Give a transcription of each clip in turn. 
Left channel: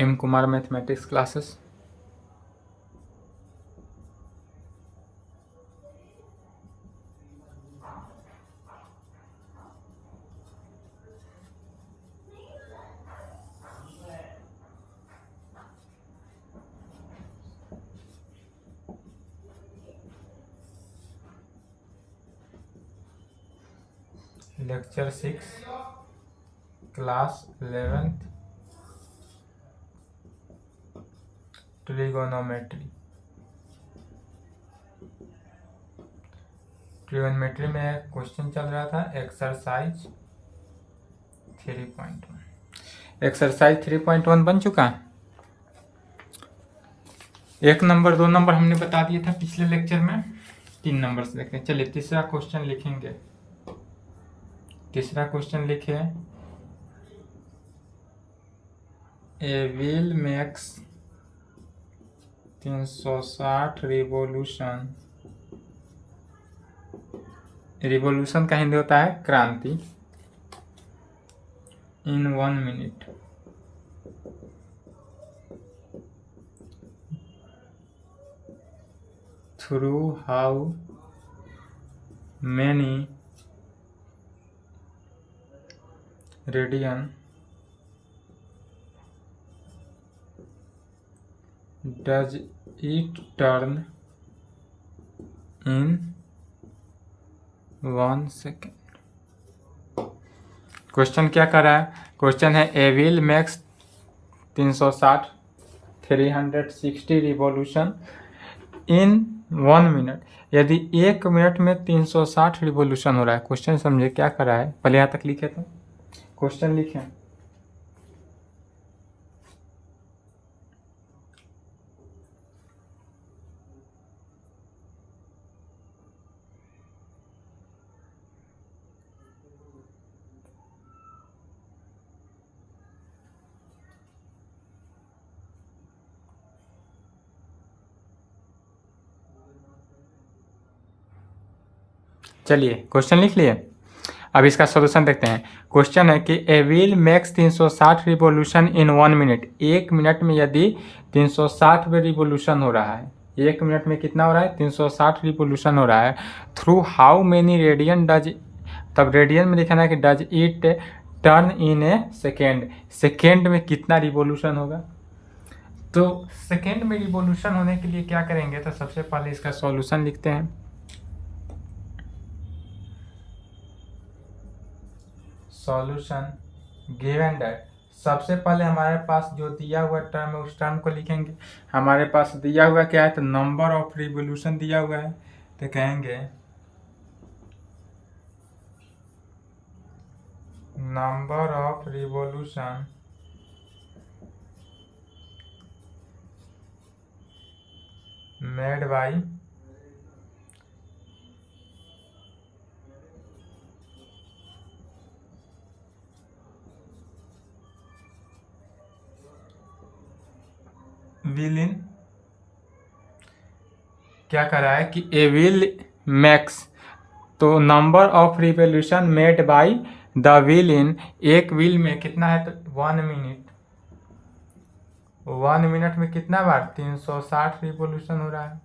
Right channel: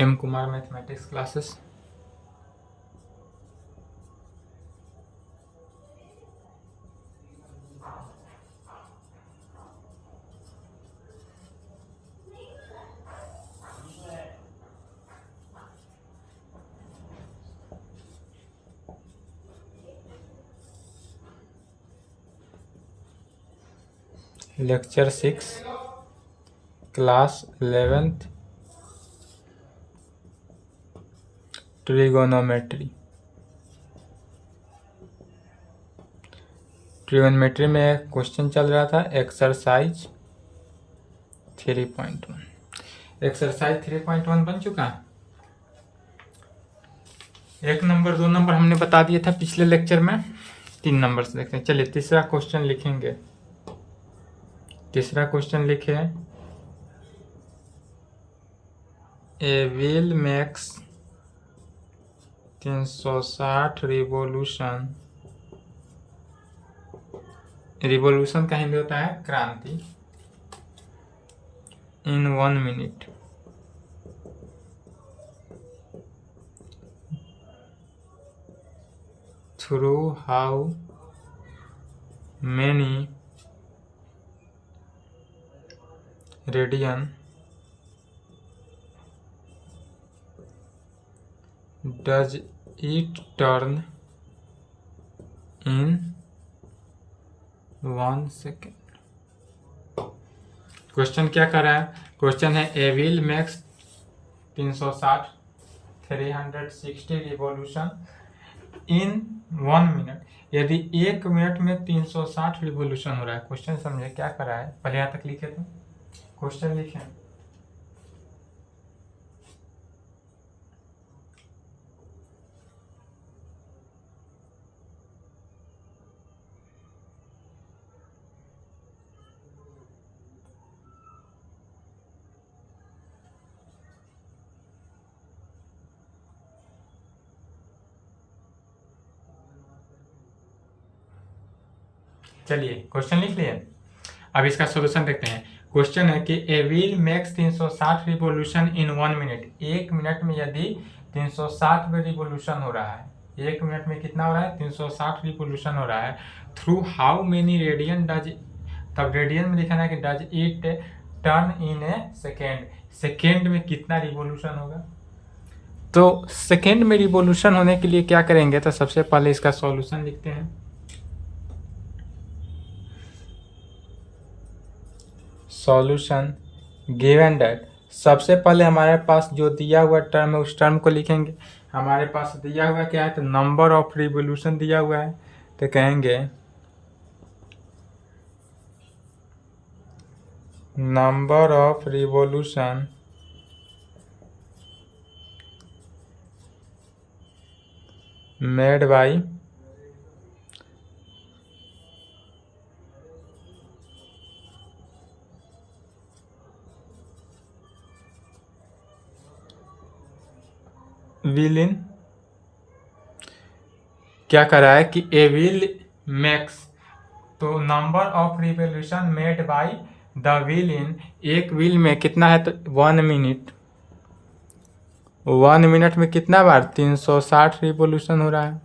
हेम Kumar mathematics classes. Lecture 6 class 11th trigonometry. Trigonometry में question चल रहा था एक्सरसाइज 3.1। एक्सरसाइज 3.1 बन चुका है। 1 नंबर 2 नंबर हमने बता दिया था पिछले लेक्चर में। 3 नंबर से देखते हैं। चलिए तीसरा क्वेश्चन लिखेंगे। तीसरा क्वेश्चन लिखे, a wheel makes 360 revolution. Revolution का हिंदी होता है क्रांति। इन 1 minute. Through how many radian does it turn in 1 second. Question क्या कर रहा है? क्वेश्चन है a wheel makes 360 revolution in 1 minute. यदि 1 मिनट में 360 रिवॉल्यूशन हो रहा है। क्वेश्चन समझे क्या कर रहा है? पहले यहाँ तक लिखे थे, क्वेश्चन लिखे। चलिए क्वेश्चन लिख लिए। अब इसका सॉल्यूशन देखते हैं। क्वेश्चन है कि a wheel makes 360 revolution in 1 minute. 1 minute में यदि 360 रिवॉल्यूशन हो रहा है, 1 मिनट में कितना हो रहा है? 360 रिवॉल्यूशन हो रहा है। Through how many radian does, तब रेडियन में लिखना है कि does it turn in A second. Second में कितना रिवॉल्यूशन होगा? तो सेकेंड में रिवॉल्यूशन होने के लिए क्या करेंगे? तो सबसे पहले इसका सॉल्यूशन लिखते हैं। सॉल्यूशन गिवन दैट, सबसे पहले हमारे पास जो दिया हुआ टर्म है उस टर्म को लिखेंगे। हमारे पास दिया हुआ क्या है? तो नंबर ऑफ रिवॉल्यूशन दिया हुआ है, तो कहेंगे number of revolution made by wheel in. क्या कर रहा है कि ए व्हील मैक्स, तो number of revolution made by the wheel in, एक व्हील में कितना है? तो 1 मिनट। 1 मिनट में कितना बार? 360 रिवॉल्यूशन हो रहा है।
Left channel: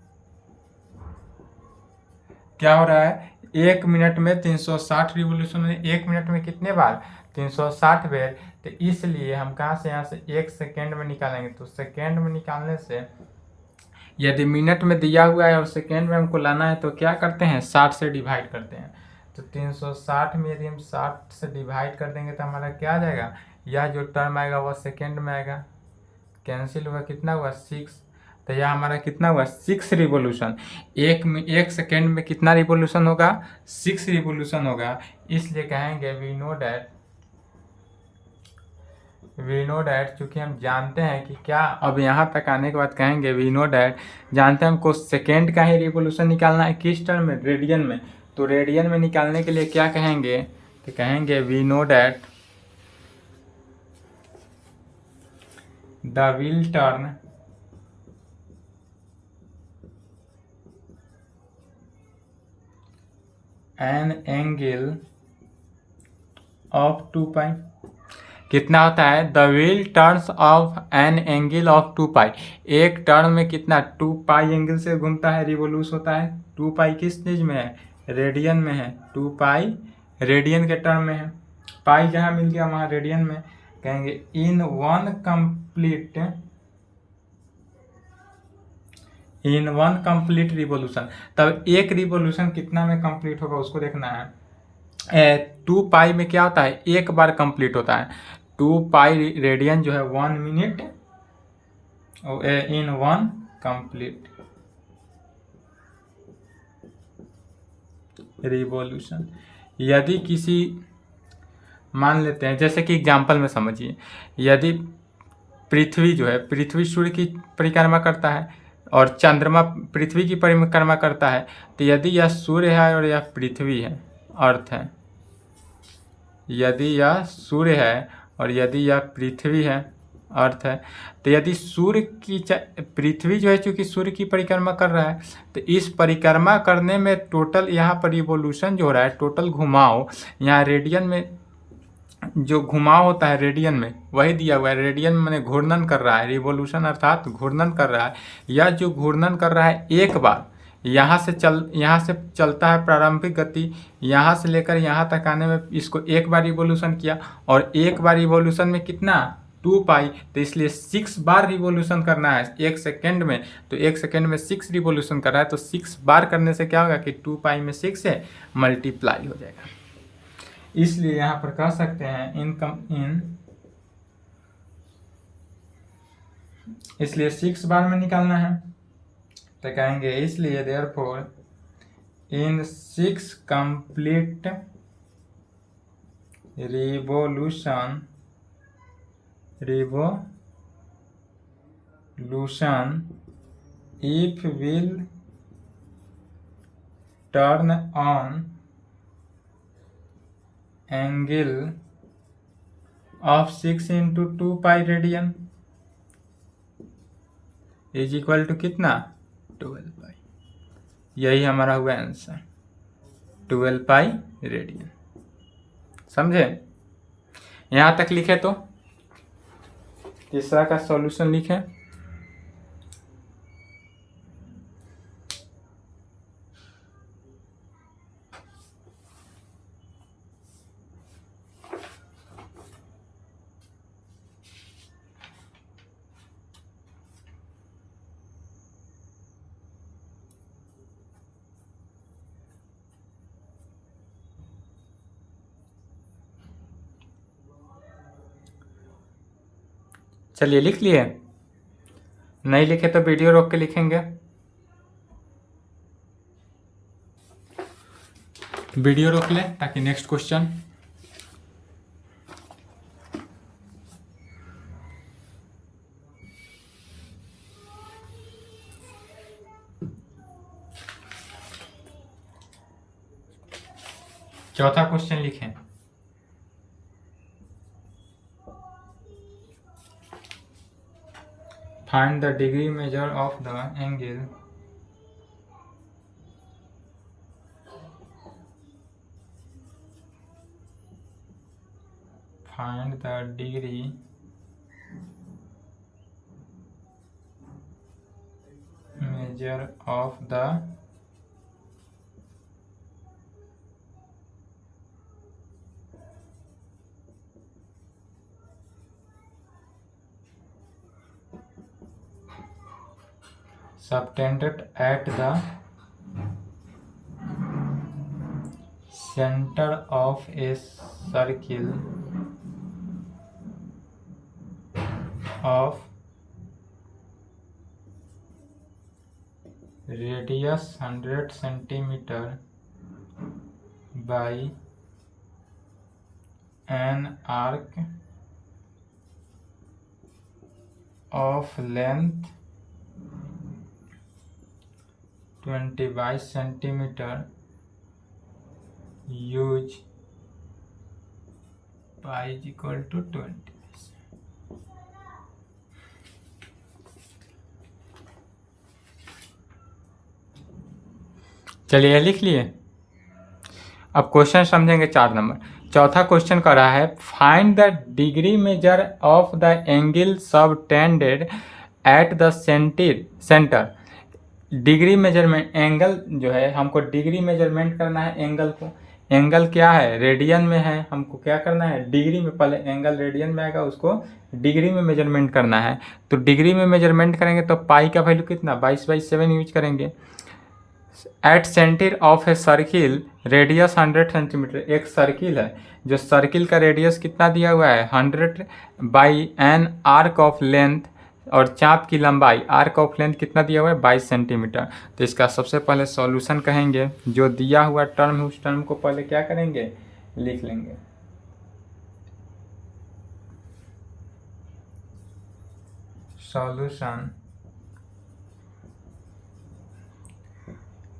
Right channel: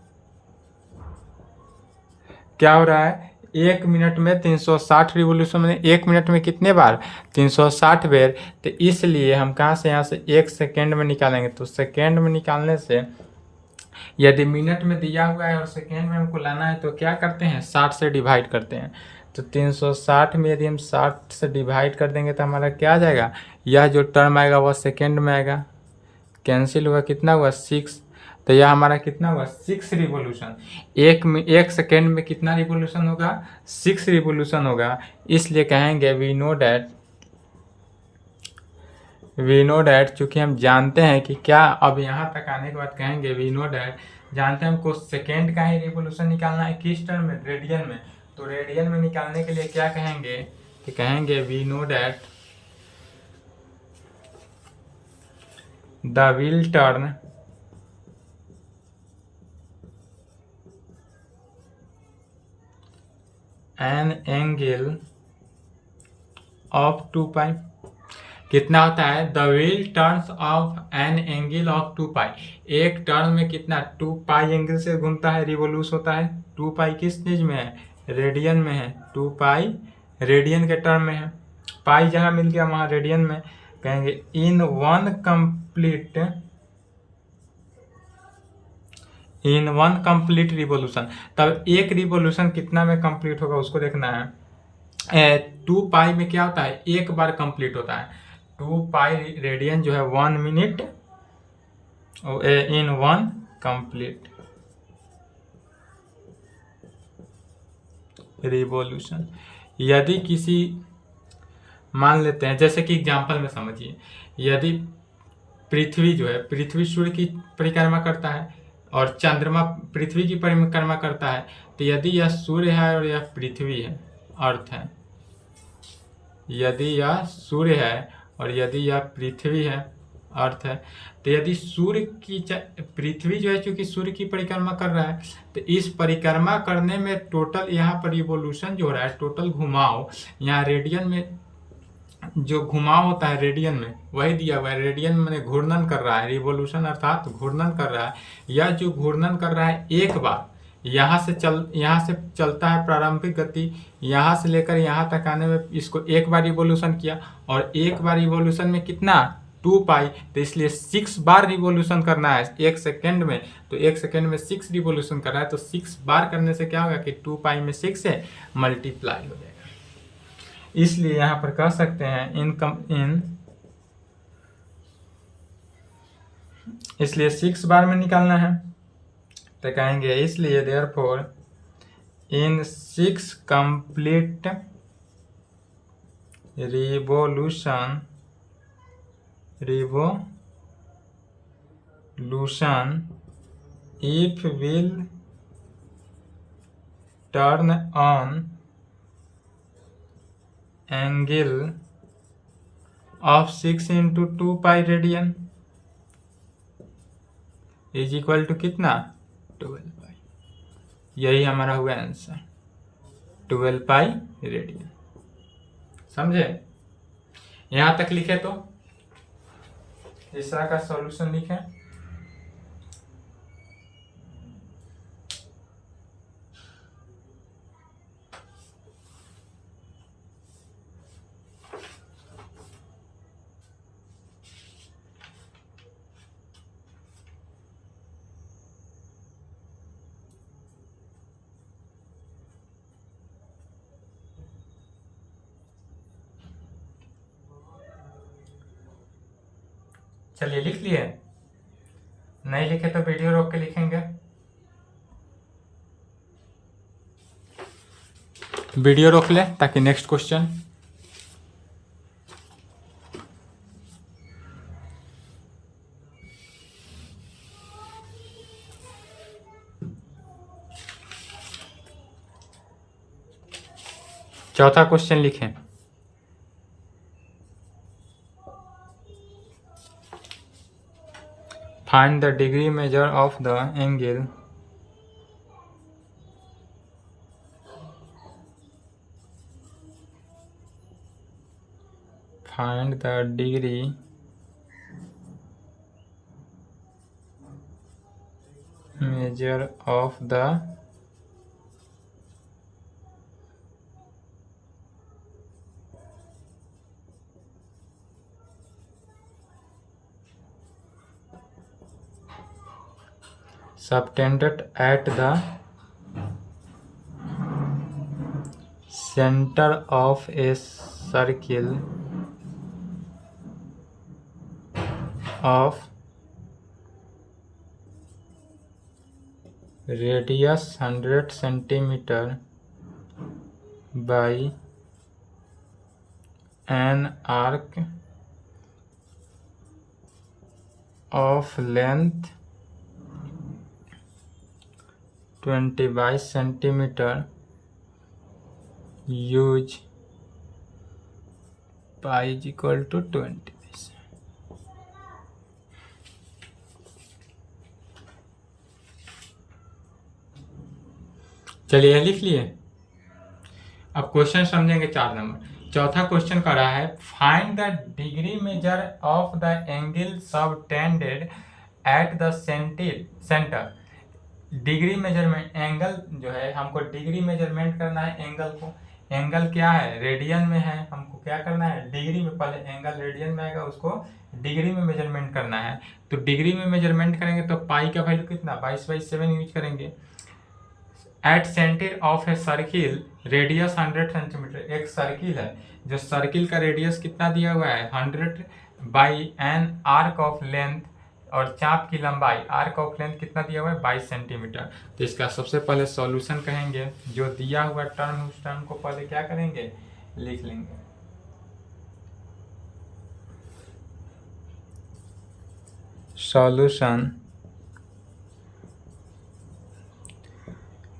क्या हो रहा है? 1 मिनट में 360 रिवॉल्यूशन में 1 मिनट में कितने बार? 360 बार। तो इसलिए हम कहाँ से यहाँ से 1 सेकेंड में निकालेंगे। तो सेकेंड में निकालने से, यदि मिनट में दिया हुआ है और सेकेंड में हमको लाना है तो क्या करते हैं? 60 से डिवाइड करते हैं। तो 360 में यदि हम 60 से डिवाइड कर देंगे तो हमारा क्या आ जाएगा? यह जो टर्म आएगा वह सेकेंड में आएगा, कैंसिल हुआ। कितना हुआ? 6। तो यह हमारा कितना हुआ? 6 रिवॉल्यूशन। 1 सेकेंड में कितना रिवॉल्यूशन होगा? 6 रिवॉल्यूशन होगा। इसलिए कहेंगे वी नो डैट, चूँकि हम जानते हैं कि क्या, अब यहाँ तक आने के बाद कहेंगे वी नो डैट, जानते हैं हमको सेकेंड का ही रिवॉल्यूशन निकालना है। किस टर्म में? रेडियन में। तो रेडियन में निकालने के लिए क्या कहेंगे? तो कहेंगे we know that the wheel turn an angle of 2 pi, कितना होता है, the wheel turns of an angle of 2 pi, एक टर्न में कितना 2 पाई एंगल से घूमता है, रिवोल्यूश होता है। 2 पाई किस चीज में है, रेडियन में है, 2 पाई रेडियन के टर्म में है, पाई जहाँ मिल गया वहाँ रेडियन में, कहेंगे इन वन कंप्लीट रिवोल्यूशन। तब एक रिवोल्यूशन कितना में कंप्लीट होगा उसको देखना है। 2 पाई में क्या होता है, एक बार कंप्लीट होता है। 2 पाई रेडियन जो है 1 मिनट इन 1 कंप्लीट रिवोल्यूशन। यदि किसी, मान लेते हैं जैसे कि एग्जाम्पल में समझिए, यदि पृथ्वी जो है, पृथ्वी सूर्य की परिक्रमा करता है और चंद्रमा पृथ्वी की परिक्रमा करता है, तो यदि यह सूर्य है और यह पृथ्वी है, अर्थ है, यदि यह सूर्य है और यदि यह पृथ्वी है, अर्थ है, तो यदि सूर्य की पृथ्वी जो है चूँकि सूर्य की परिक्रमा कर रहा है, तो इस परिक्रमा करने में टोटल यहाँ पर रिवोल्यूशन जो हो रहा है, टोटल घुमाव, यहाँ रेडियन में जो घुमाव होता है रेडियन में वही दिया हुआ है। रेडियन में घूर्णन कर रहा है, रिवोल्यूशन अर्थात घूर्णन कर रहा है। यह जो घूर्णन कर रहा है एक बार यहाँ से चलता है प्रारंभिक गति, यहाँ से लेकर यहाँ तक आने में इसको एक बार रिवोल्यूशन किया, और एक बार रिवोल्यूशन में कितना 2 पाई, तो इसलिए 6 बार रिवोल्यूशन करना है 1 सेकेंड में, तो 1 सेकेंड में 6 रिवोल्यूशन कर रहा है, तो 6 बार करने से क्या होगा कि 2 पाई में 6 से मल्टीप्लाई हो जाएगा। इसलिए यहाँ पर कह सकते हैं इसलिए 6 बार में निकालना है, तो कहेंगे इसलिए therefore in 6 complete revolution if will turn on angle of 6 into 2 pi radian is equal to कितना 12 पाई। यही हमारा हुआ आंसर, 12 पाई रेडियन। समझे? यहाँ तक लिखे तो तीसरा का सॉल्यूशन लिखें। चलिए लिख लिए, नहीं लिखे तो वीडियो रोक के लिखेंगे। वीडियो रोक ले ताकि नेक्स्ट क्वेश्चन। चौथा क्वेश्चन लिखें। Find the degree measure of the angle measure of the subtended at the center of a circle of radius 100 centimeter by an arc of length 25 centimeter, use pi is equal to 20। चलिए लिख लिए। अब question समझेंगे 4 number. चौथा question कर रहा है find the degree measure of the angle subtended at the centre. Degree measurement angle जो है, हमको डिग्री मेजरमेंट करना है एंगल को। एंगल क्या है, रेडियन में है, हमको क्या करना है डिग्री में। पहले एंगल रेडियन में आएगा, उसको डिग्री में मेजरमेंट करना है। तो डिग्री में मेजरमेंट करेंगे तो पाई का वैल्यू कितना 22/7 यूज करेंगे। At centre of a circle radius 100 centimetre. एक सर्किल है, जो सर्किल का रेडियस कितना दिया हुआ है 100 by N arc of length, और चाप की लंबाई आर्क ऑफ लेंथ कितना दिया हुआ है 22 सेंटीमीटर। तो इसका सबसे पहले सॉल्यूशन कहेंगे, जो दिया हुआ टर्म है उस टर्म को पहले क्या करेंगे लिख लेंगे। सॉल्यूशन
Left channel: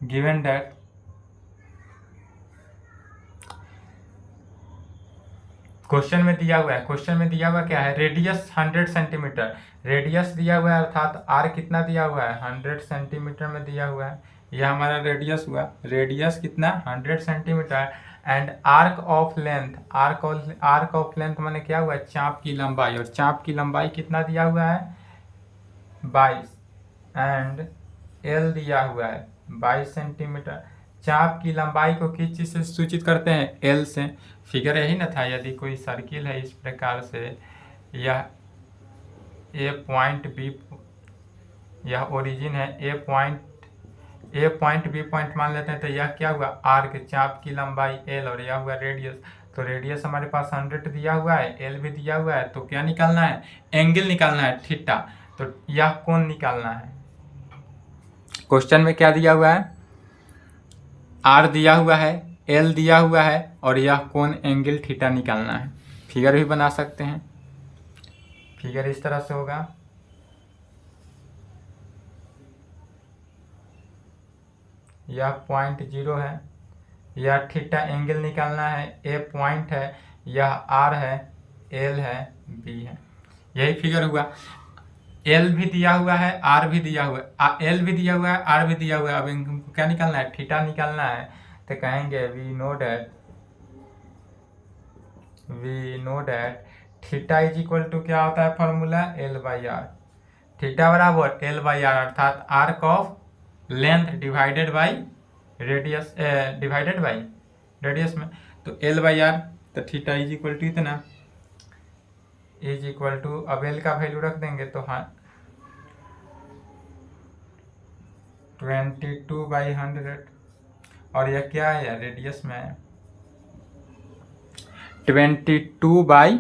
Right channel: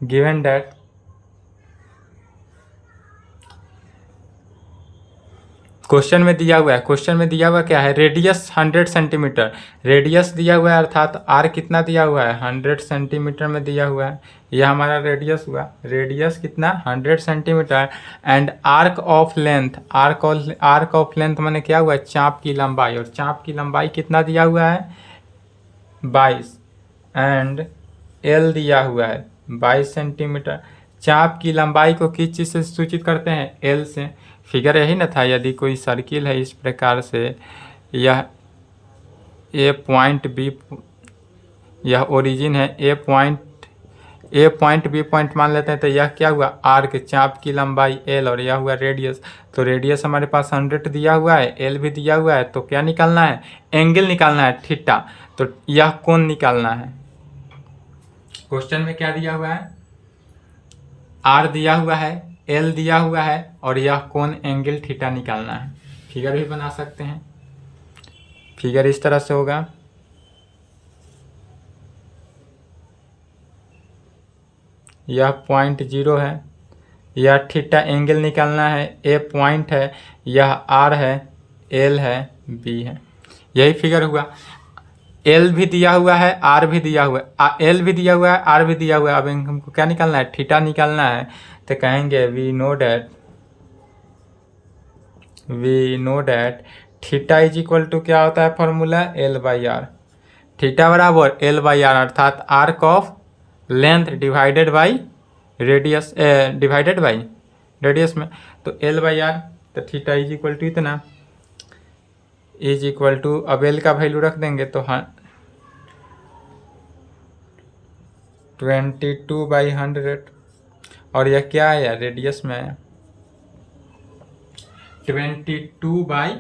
गिवन दैट क्वेश्चन में दिया हुआ है, क्वेश्चन में दिया हुआ क्या है रेडियस 100 सेंटीमीटर, रेडियस दिया हुआ है अर्थात आर कितना दिया हुआ है 100 सेंटीमीटर में दिया हुआ है। यह हमारा रेडियस हुआ, रेडियस कितना 100 centimetre. And arc of length, arc of length मैंने क्या हुआ चाप की लंबाई, और चाप की लंबाई कितना दिया हुआ है 22, एंड एल दिया हुआ है 22 सेंटीमीटर। चाप की लंबाई को किस चीज़ से सूचित करते हैं एल से। फिगर यही ना था, यदि कोई सर्किल है इस प्रकार से, यह ए पॉइंट बी, यह ओरिजिन है ए पॉइंट बी पॉइंट मान लेते हैं, तो यह क्या हुआ आर्क, चाप की लंबाई एल, और यह हुआ रेडियस। तो रेडियस हमारे पास 100 दिया हुआ है, एल भी दिया हुआ है, तो क्या निकालना है एंगल निकालना है थीटा। तो यह कोण निकालना है। क्वेश्चन में क्या दिया हुआ है आर दिया हुआ है, एल दिया हुआ है, और यह कोण एंगल थीटा निकालना है। फिगर भी बना सकते हैं, फिगर इस तरह से होगा। यह पॉइंट 0 है, यह थीटा एंगल निकालना है, ए पॉइंट है, यह आर है, एल है, बी है। यही फिगर हुआ। एल भी दिया हुआ है, आर भी दिया हुआ है, एल भी दिया हुआ है, आर भी दिया हुआ है। अब हमको क्या निकालना है थीटा निकालना है। तो कहेंगे we know that theta is equal to क्या होता है फॉर्मूला L/R। थीटा बराबर L/R, अर्थात arc of length divided by radius, divided by radius में। तो L/R, तो थीटा इज इक्वल टू इतना, इज इक्वल टू, अब एल का वैल्यू रख देंगे तो हाँ 22/100, और यह क्या है यार रेडियस में 22/20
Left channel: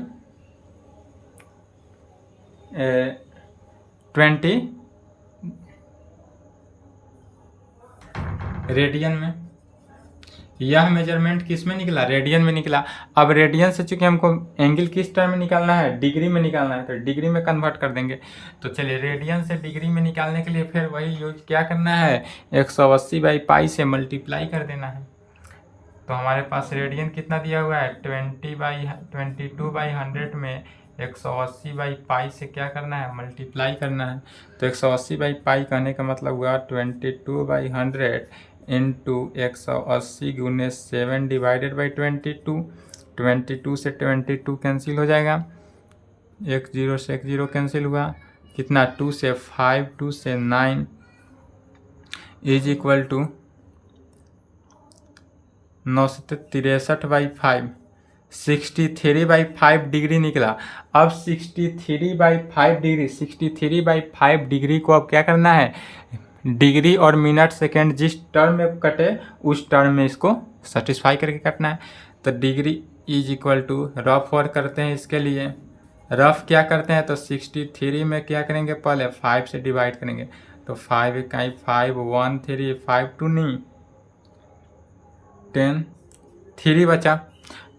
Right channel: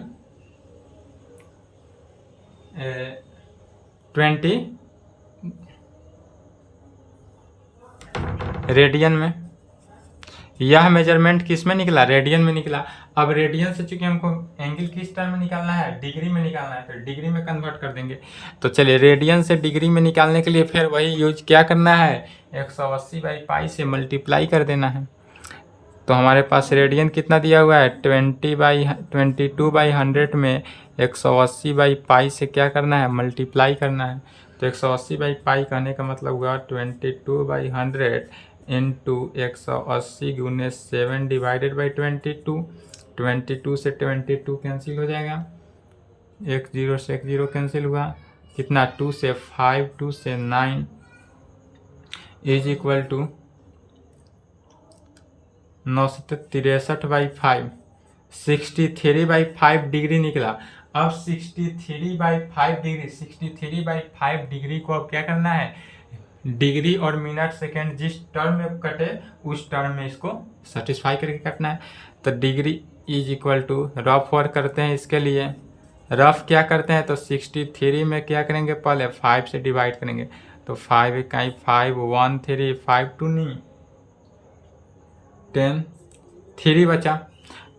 रेडियन में। यह मेजरमेंट किस में निकला रेडियन में निकला। अब रेडियन से चूंकि हमको एंगल किस टर्म में निकालना है डिग्री में निकालना है, तो डिग्री में कन्वर्ट कर देंगे। तो चलिए रेडियन से डिग्री में निकालने के लिए फिर वही यूज क्या करना है 180/पाई से मल्टीप्लाई कर देना है। तो हमारे पास रेडियन कितना दिया हुआ है 22/100 में 180/पाई से क्या करना है मल्टीप्लाई करना है। तो 180/पाई कहने का मतलब हुआ 22/100 इंटू 180 गुने 7 डिवाइडेड बाई 22। 22 से 22 कैंसिल हो जाएगा, 1 0 से 1 0 कैंसिल हुआ, कितना 2 से 5, 2 से 9 इज इक्वल टू 963/5, 63/5 डिग्री निकला। अब 63/5 डिग्री, 63/5 डिग्री को अब क्या करना है डिग्री और मिनट सेकेंड जिस टर्म में कटे उस टर्म में इसको सेटिस्फाई करके काटना है। तो degree is equal to rough work करते हैं, इसके लिए रफ क्या करते हैं तो 63 में क्या करेंगे पहले 5 से डिवाइड करेंगे। तो 5 इकाई 5 1 3 5 2 नहीं 10 3 बचा,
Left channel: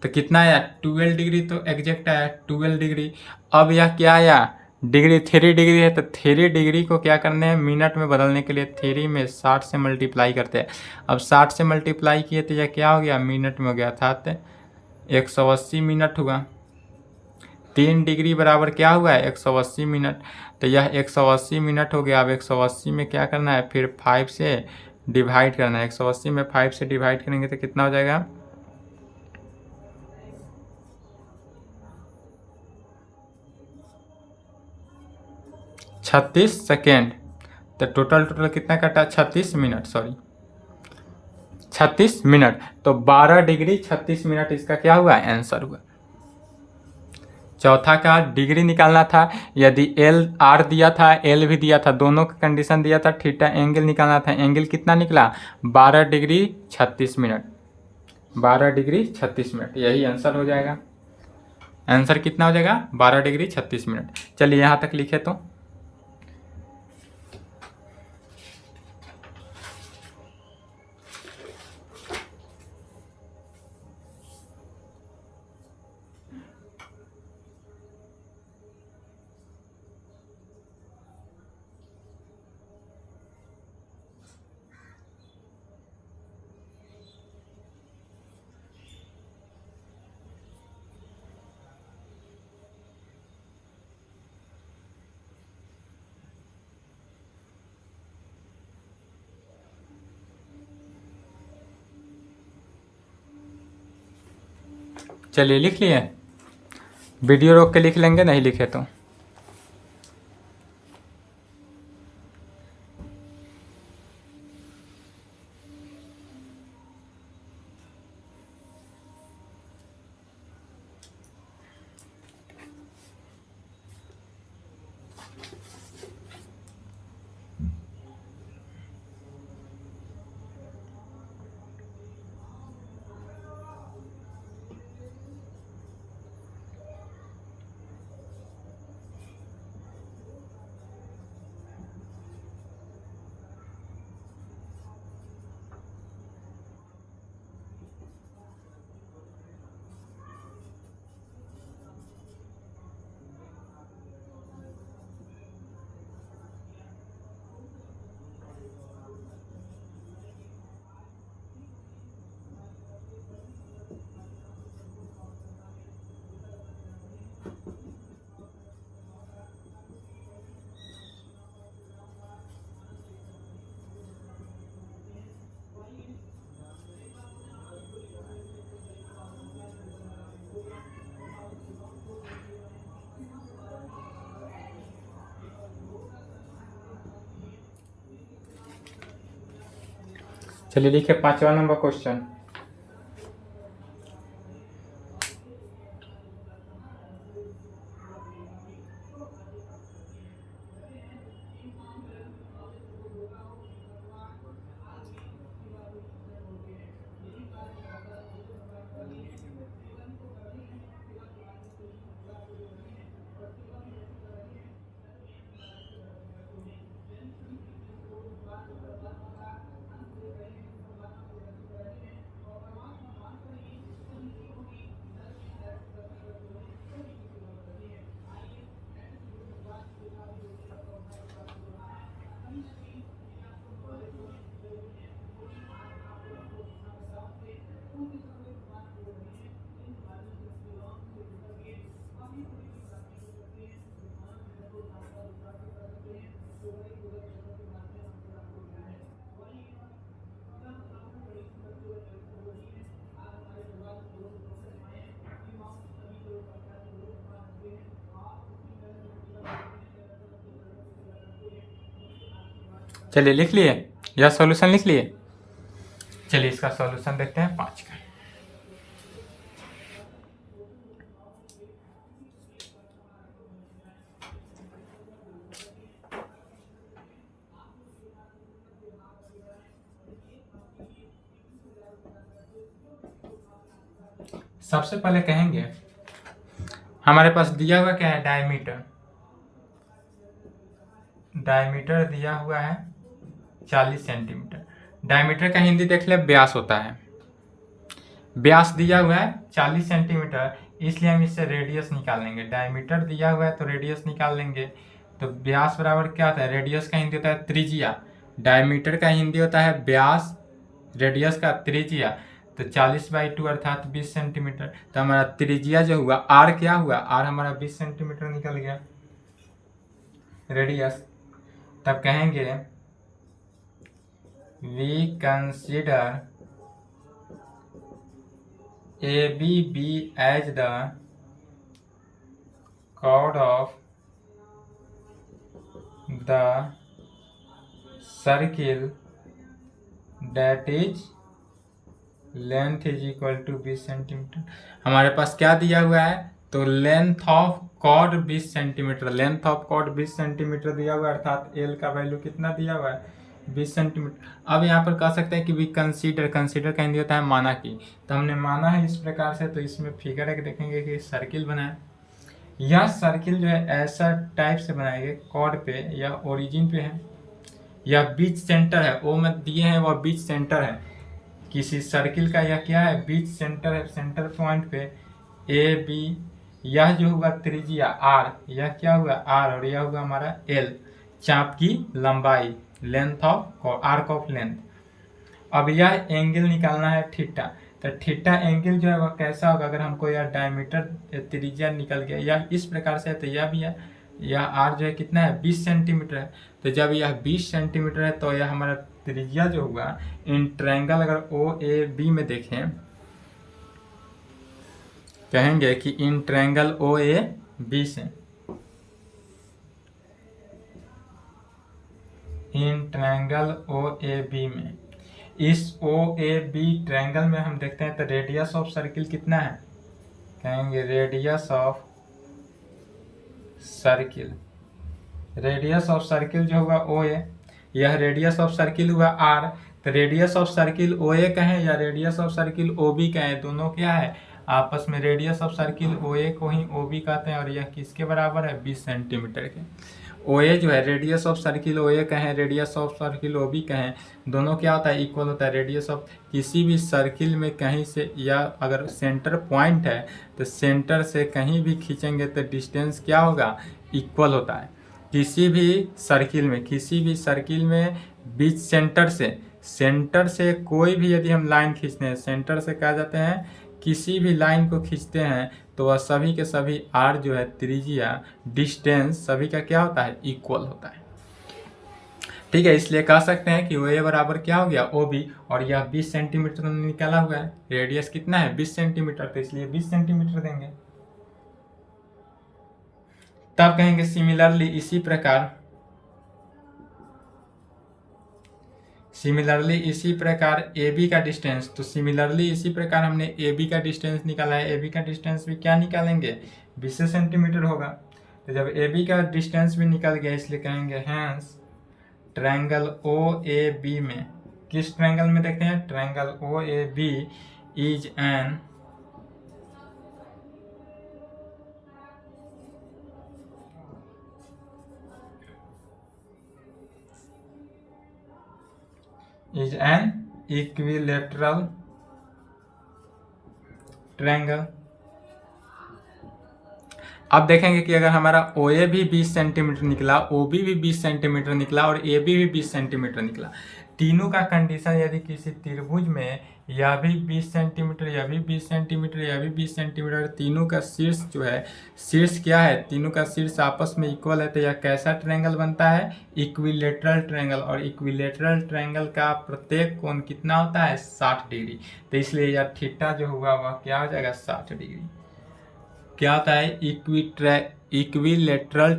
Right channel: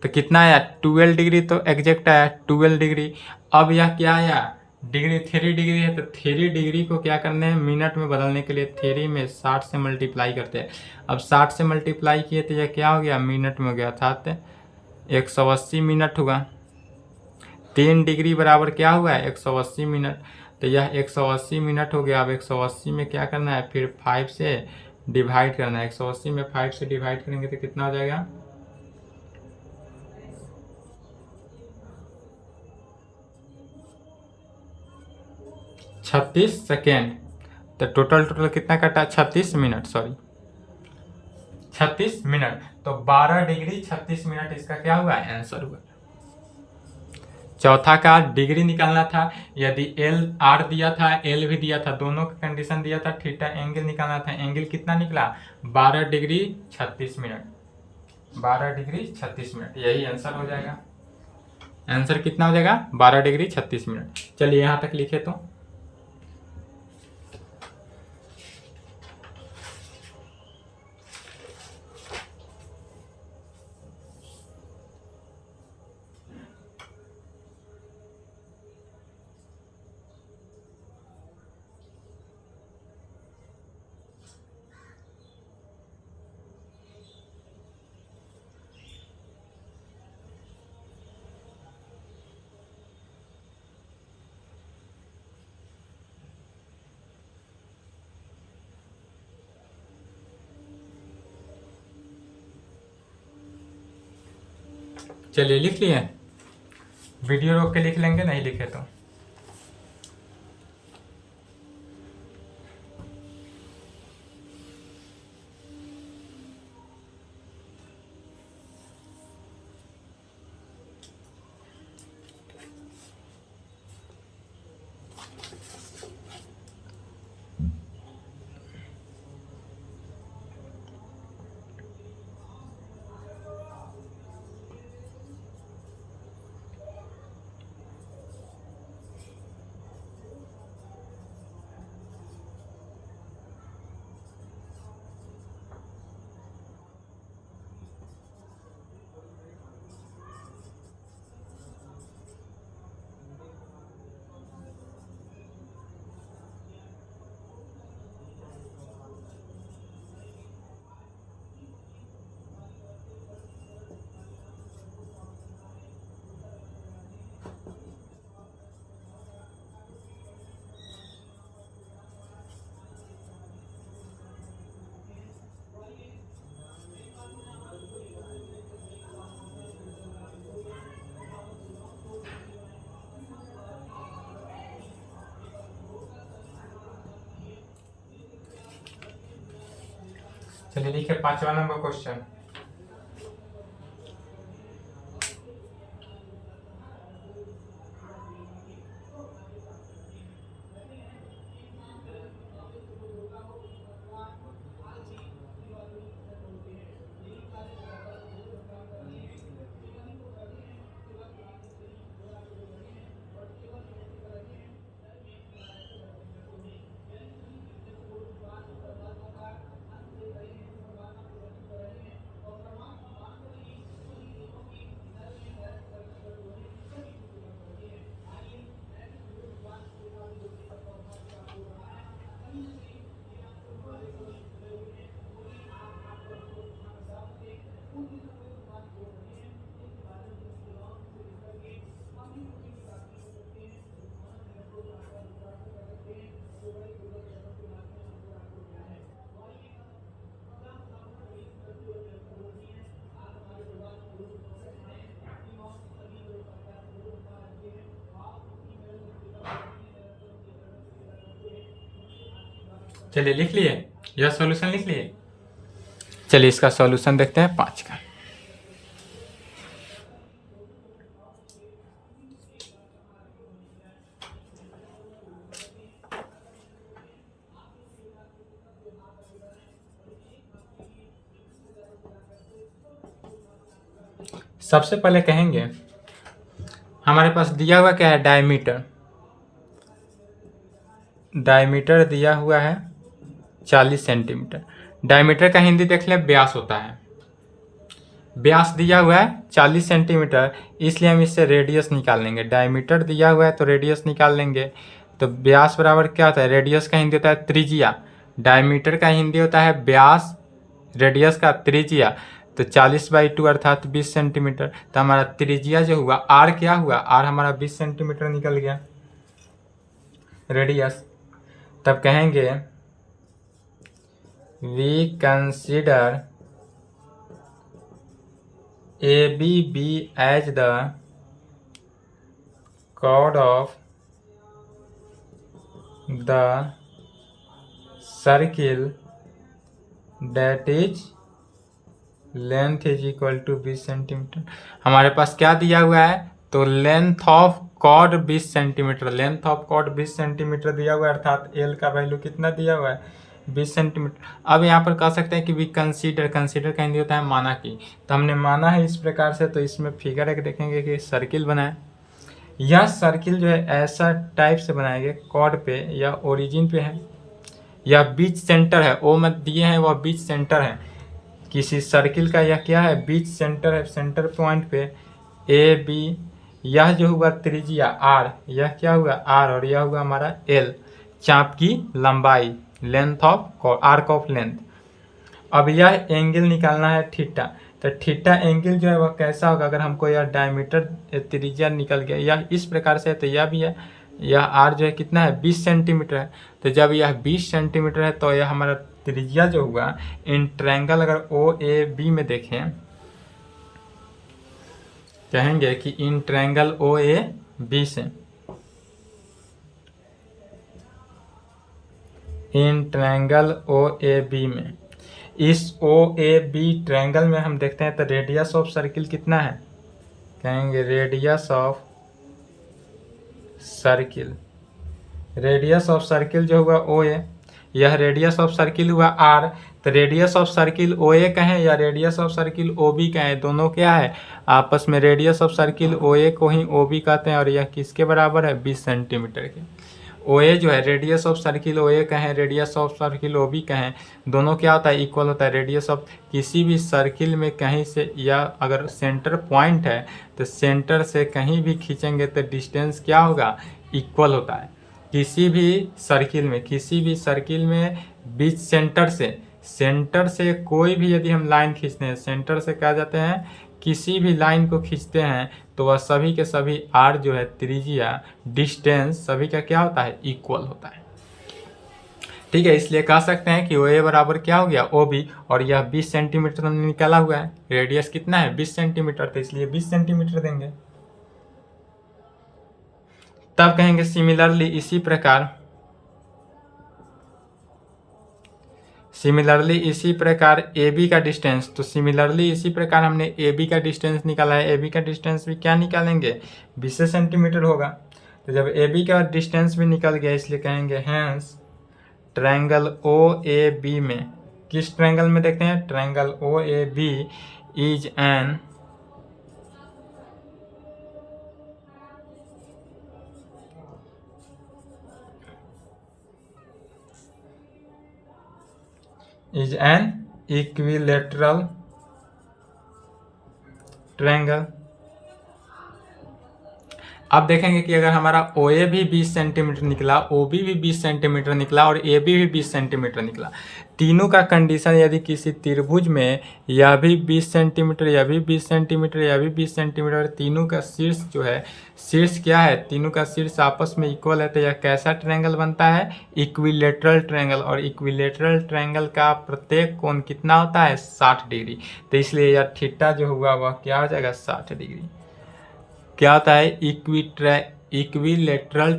तो कितना आया 12 डिग्री, तो एग्जैक्ट आया 12 डिग्री। अब यह क्या आया डिग्री 3 डिग्री है, तो 3 डिग्री को क्या करने हैं मिनट में बदलने के लिए 3 में 60 से मल्टीप्लाई करते हैं। अब 60 से मल्टीप्लाई किए तो यह क्या हो गया मिनट में हो गया, अर्थात 180 मिनट हुआ। 3 डिग्री बराबर क्या हुआ है 180 मिनट, तो यह 180 मिनट हो गया। अब 180 में क्या करना है फिर 5 से डिवाइड करना है। 180 में 5 से डिवाइड करेंगे तो कितना हो जाएगा 36 सेकेंड। तो टोटल कितना कटा, 36 मिनट, सॉरी 36 मिनट। तो 12 डिग्री 36 मिनट इसका क्या हुआ, आंसर हुआ। चौथा का डिग्री निकालना था, यदि एल आर दिया था, एल भी दिया था, दोनों का कंडीशन दिया था, थीटा एंगल निकालना था। एंगल कितना निकला, 12 डिग्री 36 मिनट, 12 डिग्री 36 मिनट, यही आंसर हो जाएगा। आंसर कितना हो जाएगा, 12 डिग्री 36 मिनट। चलिए यहाँ तक लिखे तो चलिए लिख लिए, वीडियो रोक के लिख लेंगे, नहीं लिखे तो। चलिए लिखे 5वां नंबर क्वेश्चन। चलिए लिख लिए, यह सॉल्यूशन लिख लिए। चलिए इसका सॉल्यूशन देखते हैं 5 का। सबसे पहले कहेंगे हमारे पास दिया हुआ क्या है, डायमीटर। डायमीटर दिया हुआ है 40 सेंटीमीटर। डायमीटर का हिंदी देख ले, व्यास होता है। व्यास दिया हुआ है 40 सेंटीमीटर, इसलिए हम इससे रेडियस निकाल लेंगे। डायमीटर दिया हुआ है तो रेडियस निकाल लेंगे। तो व्यास बराबर क्या होता है, रेडियस का हिंदी होता है त्रिज्या। डायमीटर का हिंदी होता है व्यास, रेडियस का त्रिज्या। तो 40/2 अर्थात 20 सेंटीमीटर। तो हमारा त्रिज्या जो हुआ आर, क्या हुआ, आर हमारा 20 सेंटीमीटर निकल गया रेडियस। तब कहेंगे we consider ABB as the chord of the circle that is length is equal to 20 centimetre. हमारे पास क्या दिया हुआ है, तो length of chord 20 centimetre, length of chord 20 centimetre दिया हुआ है, अर्थात एल का वैल्यू कितना दिया हुआ है, 20 सेंटीमीटर। अब यहाँ पर कह सकते हैं कि वी कंसीडर, कंसीडर का हिंदी होता है माना कि, तो हमने माना है इस प्रकार से, तो इसमें फिगर एक देखेंगे कि सर्किल बनाए। यह सर्किल जो है ऐसा टाइप से बनाएंगे कॉर्ड पे या ओरिजिन पे है, या बीच सेंटर है, ओ मत दिए हैं वह बीच सेंटर है किसी सर्किल का, यह क्या है, बीच सेंटर है, सेंटर पॉइंट पे ए बी, यह जो हुआ त्रिज्या आर, यह क्या हुआ आर, और यह हुआ हमारा एल, चाप की लंबाई, length of arc of length. अब यह एंगल निकालना है थीटा, तो थीटा एंगल जो है वह कैसा होगा, अगर हमको यह डायमीटर त्रिज्या निकल गया यह इस प्रकार से है, तो यह भी है, यह आर जो है कितना है 20 सेंटीमीटर है, तो जब यह 20 सेंटीमीटर है तो यह हमारा त्रिज्या जो हुआ इन ट्रायंगल, अगर ओ ए बी में देखें, कहेंगे कि in triangle O A B से, in triangle O A B में, इस ओ ए बी ट्रायंगल में हम देखते हैं तो रेडियस ऑफ सर्किल कितना है, कहेंगे radius of circle, radius of circle जो हुआ ओ ए, यह रेडियस ऑफ सर्किल हुआ आर, तो radius of circle O A कहें या radius of circle O B कहें, दोनों क्या है आपस में, radius of circle O A को ही ओ बी कहते हैं, और यह किसके बराबर है 20 सेंटीमीटर के। ओ ए जो है radius of circle O A कहें, radius of circle O B कहें, दोनों क्या होता है इक्वल होता है, रेडियस ऑफ किसी भी सर्किल में कहीं से, या अगर सेंटर पॉइंट है तो सेंटर से कहीं भी खींचेंगे तो डिस्टेंस क्या होगा इक्वल होता है। किसी भी सर्किल में, किसी भी सर्किल में बीच सेंटर से कोई भी यदि हम लाइन खींचते हैं, सेंटर से क्या जाते हैं, किसी भी लाइन को खींचते हैं तो वह सभी के सभी आर जो है त्रिज्या डिस्टेंस सभी का क्या होता है इक्वल होता है। ठीक है, इसलिए कह सकते हैं कि ओ ए बराबर क्या हो गया ओ बी, और यह 20 सेंटीमीटर हमने निकाला हुआ है, रेडियस कितना है 20 सेंटीमीटर, तो इसलिए 20 सेंटीमीटर देंगे। तब कहेंगे सिमिलरली इसी प्रकार ए बी का डिस्टेंस, तो सिमिलरली इसी प्रकार हमने ए बी का डिस्टेंस निकाला है, ए बी का डिस्टेंस भी क्या निकालेंगे 20 सेंटीमीटर होगा, तो जब ए बी का डिस्टेंस भी निकल गया इसलिए कहेंगे hence triangle O A B में, किस ट्रायंगल में देखते हैं, triangle O A B is an equilateral triangle. अब देखेंगे कि अगर हमारा ओ ए भी 20 सेंटीमीटर निकला, ओ बी भी 20 सेंटीमीटर निकला और ए बी भी 20 सेंटीमीटर निकला, तीनों का कंडीशन यदि किसी त्रिभुज में यह भी 20 सेंटीमीटर, यह भी 20 सेंटीमीटर, यह भी 20 सेंटीमीटर, तीनों का शीर्ष जो है, शीर्ष क्या है, तीनों का शीर्ष आपस में इक्वल है, तो यह कैसा ट्रायंगल बनता है इक्विलेटरल ट्रायंगल, और इक्विलेटरल ट्रायंगल का प्रत्येक कोण कितना होता है 60 डिग्री, तो इसलिए यह थीटा जो हुआ वह क्या हो जाएगा 60 डिग्री। क्या होता है इक्विलेटरल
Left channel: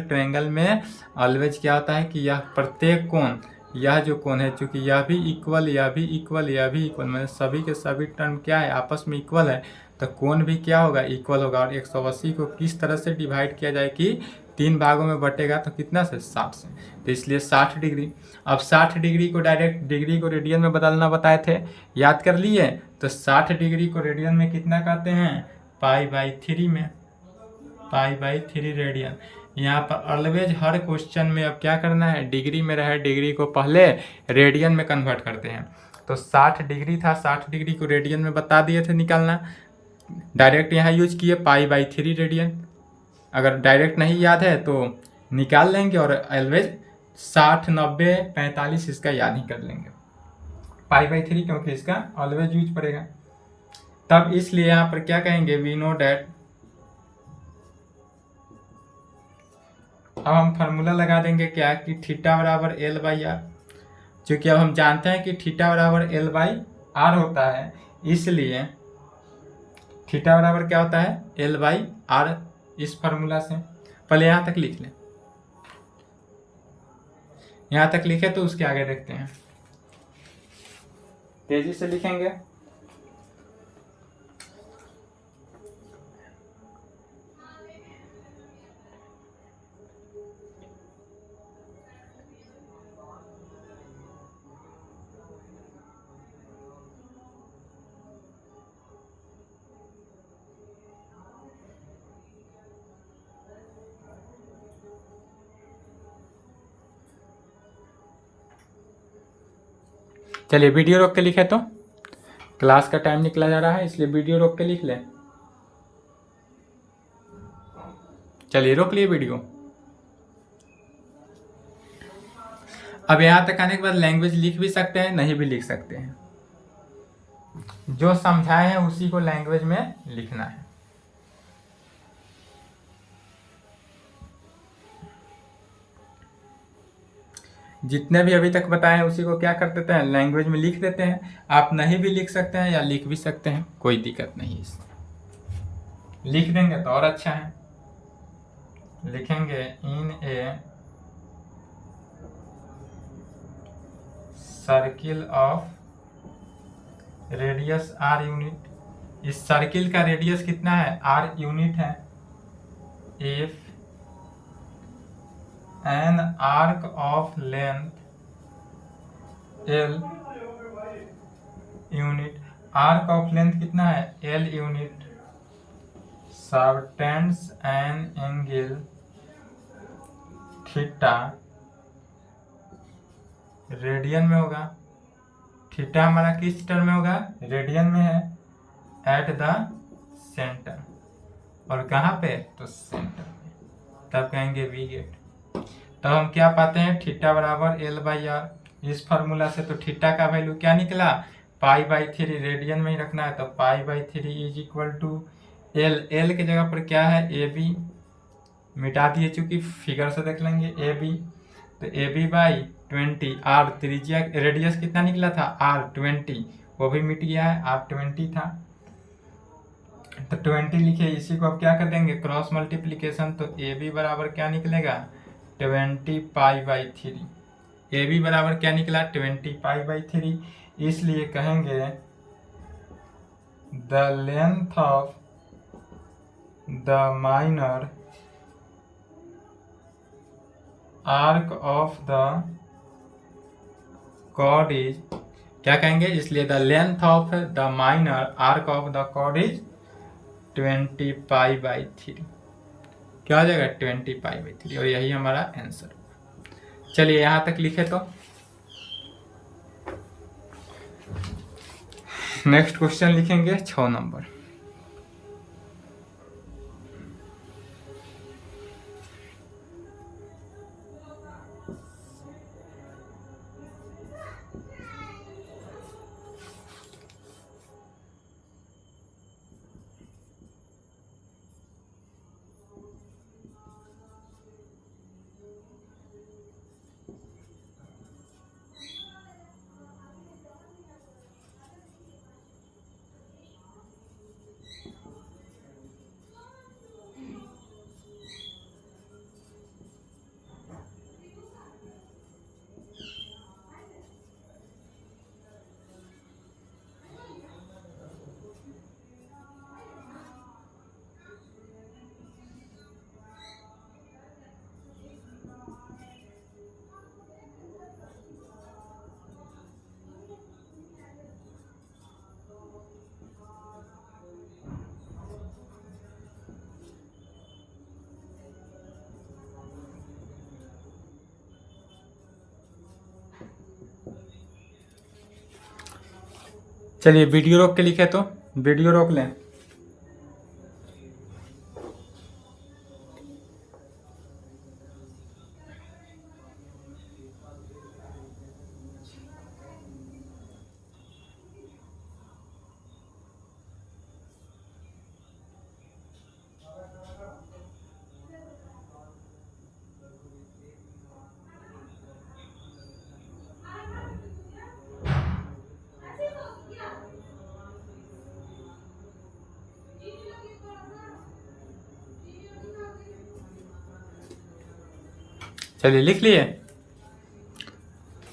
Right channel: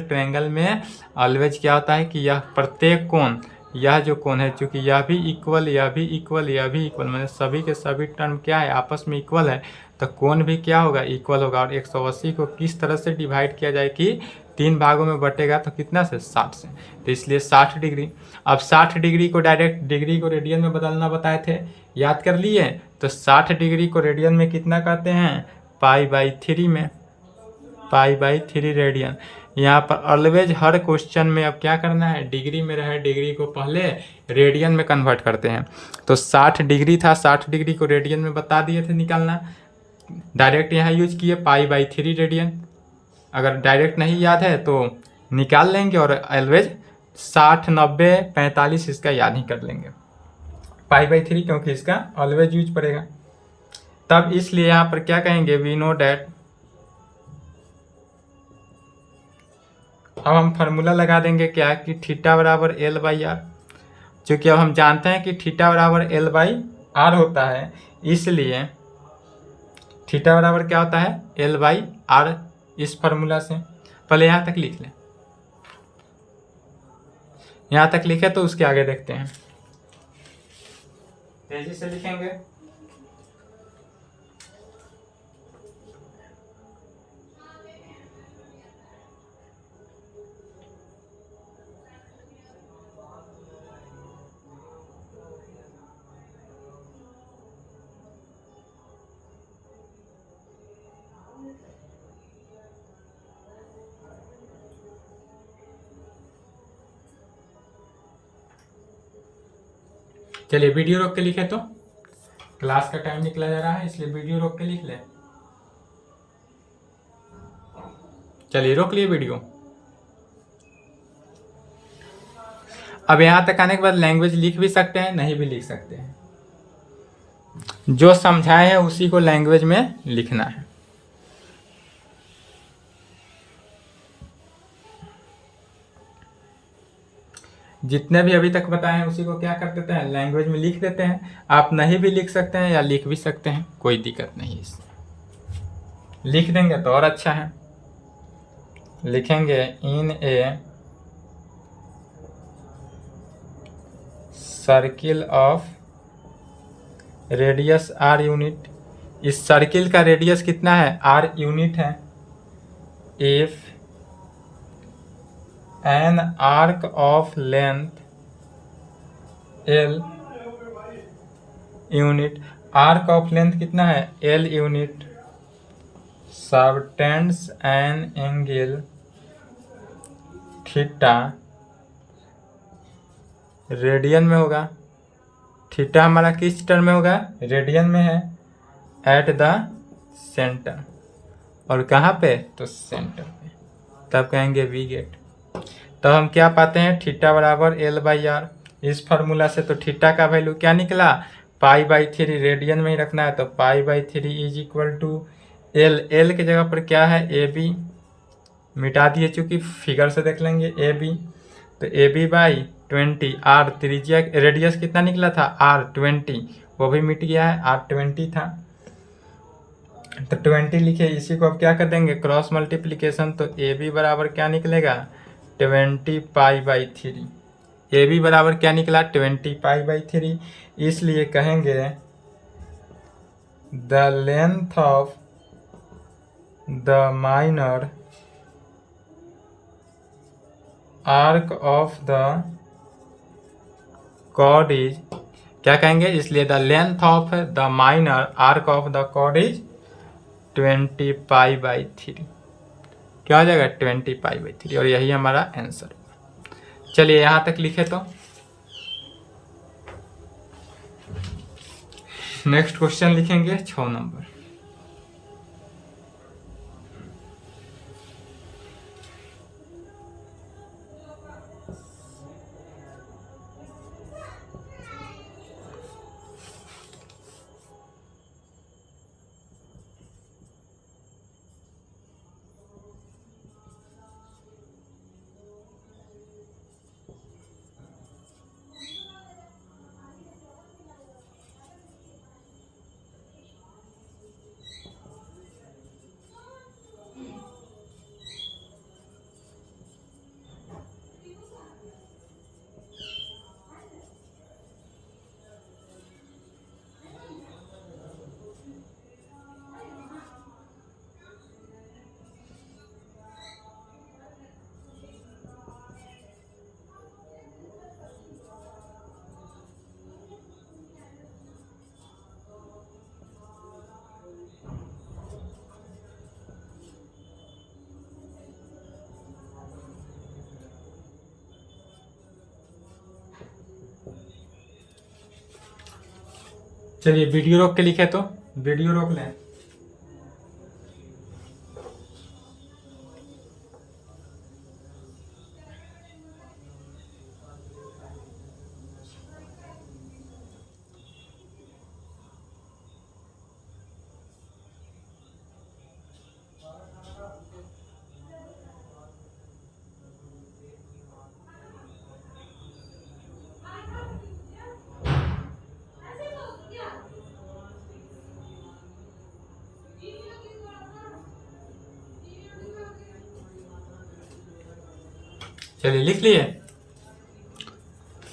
ट्रायंगल में ऑलवेज क्या होता है कि यह प्रत्येक कोण, यह जो कोण है चूंकि यह भी इक्वल, यह भी इक्वल, यह भी इक्वल, मतलब सभी के सभी टर्म क्या है आपस में इक्वल है, तो कोण भी क्या होगा इक्वल होगा। और 180 को किस तरह से डिवाइड किया जाए कि 3 भागों में बटेगा, तो कितना से 60 से, तो इसलिए 60 डिग्री। अब 60 डिग्री को डायरेक्ट डिग्री को रेडियन में बदलना बताए थे, याद कर लिए, तो 60 डिग्री को रेडियन में कितना कहते हैं π/3 में, π/3 रेडियन। यहाँ पर ऑलवेज हर क्वेश्चन में अब क्या करना है, डिग्री में रहे डिग्री को पहले रेडियन में कन्वर्ट करते हैं, तो 60 डिग्री था, 60 डिग्री को रेडियन में बता दिए थे निकालना, डायरेक्ट यहाँ यूज किए π/3 रेडियन। अगर डायरेक्ट नहीं याद है तो निकाल लेंगे, और ऑलवेज 60, 90, 45 इसका याद ही कर लेंगे, π/3 क्योंकि इसका ऑलवेज यूज पड़ेगा। तब इसलिए यहाँ पर क्या कहेंगे वी नो डैट, अब हम फार्मूला लगा देंगे क्या कि थीटा बराबर L/R, चूँकि अब हम जानते हैं कि थीटा बराबर L/R होता है, इसलिए थीटा बराबर क्या होता है L/R, इस फार्मूला से पहले यहाँ तक लिख लें। यहाँ तक लिखे तो उसके आगे देखते हैं, तेजी से लिखेंगे। चलिए वीडियो रोक के लिखे तो क्लास का टाइम निकला जा रहा है, इसलिए वीडियो रोक के लिख लें। चलिए रोक लिए वीडियो। अब यहाँ तक आने के बाद लैंग्वेज लिख भी सकते हैं, नहीं भी लिख सकते हैं। जो समझाए हैं उसी को लैंग्वेज में लिखना है। जितने भी अभी तक बताए हैं उसी को क्या कर देते हैं, लैंग्वेज में लिख देते हैं। आप नहीं भी लिख सकते हैं या लिख भी सकते हैं, कोई दिक्कत नहीं है इसमें। लिख देंगे तो और अच्छा है। लिखेंगे in a circle of radius r unit. इस सर्किल का रेडियस कितना है, आर यूनिट है। If an arc of length l unit, arc of length कितना है, l unit, subtends an angle theta, radian में होगा। थीटा हमारा किस टर्म में होगा, रेडियन में है। एट द सेंटर, और कहाँ पे, तो सेंटर पे, तब कहेंगे वी गेट। तो हम क्या पाते हैं, थीटा बराबर एल बाई आर। इस फार्मूला से तो थीटा का वैल्यू क्या निकला, पाई बाई थ्री, रेडियन में ही रखना है तो pi by three is equal to L. L की जगह पर क्या है, ए बी, मिटा दिए चूंकि फिगर से देख लेंगे ए बी, तो ए बी बाई 20। आर त्रिज्या, रेडियस कितना निकला था, आर 20, वो भी मिट गया है, आर 20 था तो 20 लिखे। इसी को अब क्या कर देंगे, क्रॉस मल्टीप्लीकेशन, तो ए बी बराबर क्या निकलेगा, 20 pi by three. A B बराबर क्या निकला, 20 पाई बाई थ्री। इसलिए कहेंगे the length of the minor arc of the chord is, क्या कहेंगे, इसलिए the length of the minor arc of the chord is 20 pi by three. क्या हो जाएगा, 20 पाई बाई थ्री, और यही हमारा आंसर। चलिए यहाँ तक लिखे तो नेक्स्ट क्वेश्चन लिखेंगे 6 नंबर। चलिए वीडियो रोक के लिखे तो वीडियो रोक लें। चलिए लिख लिए।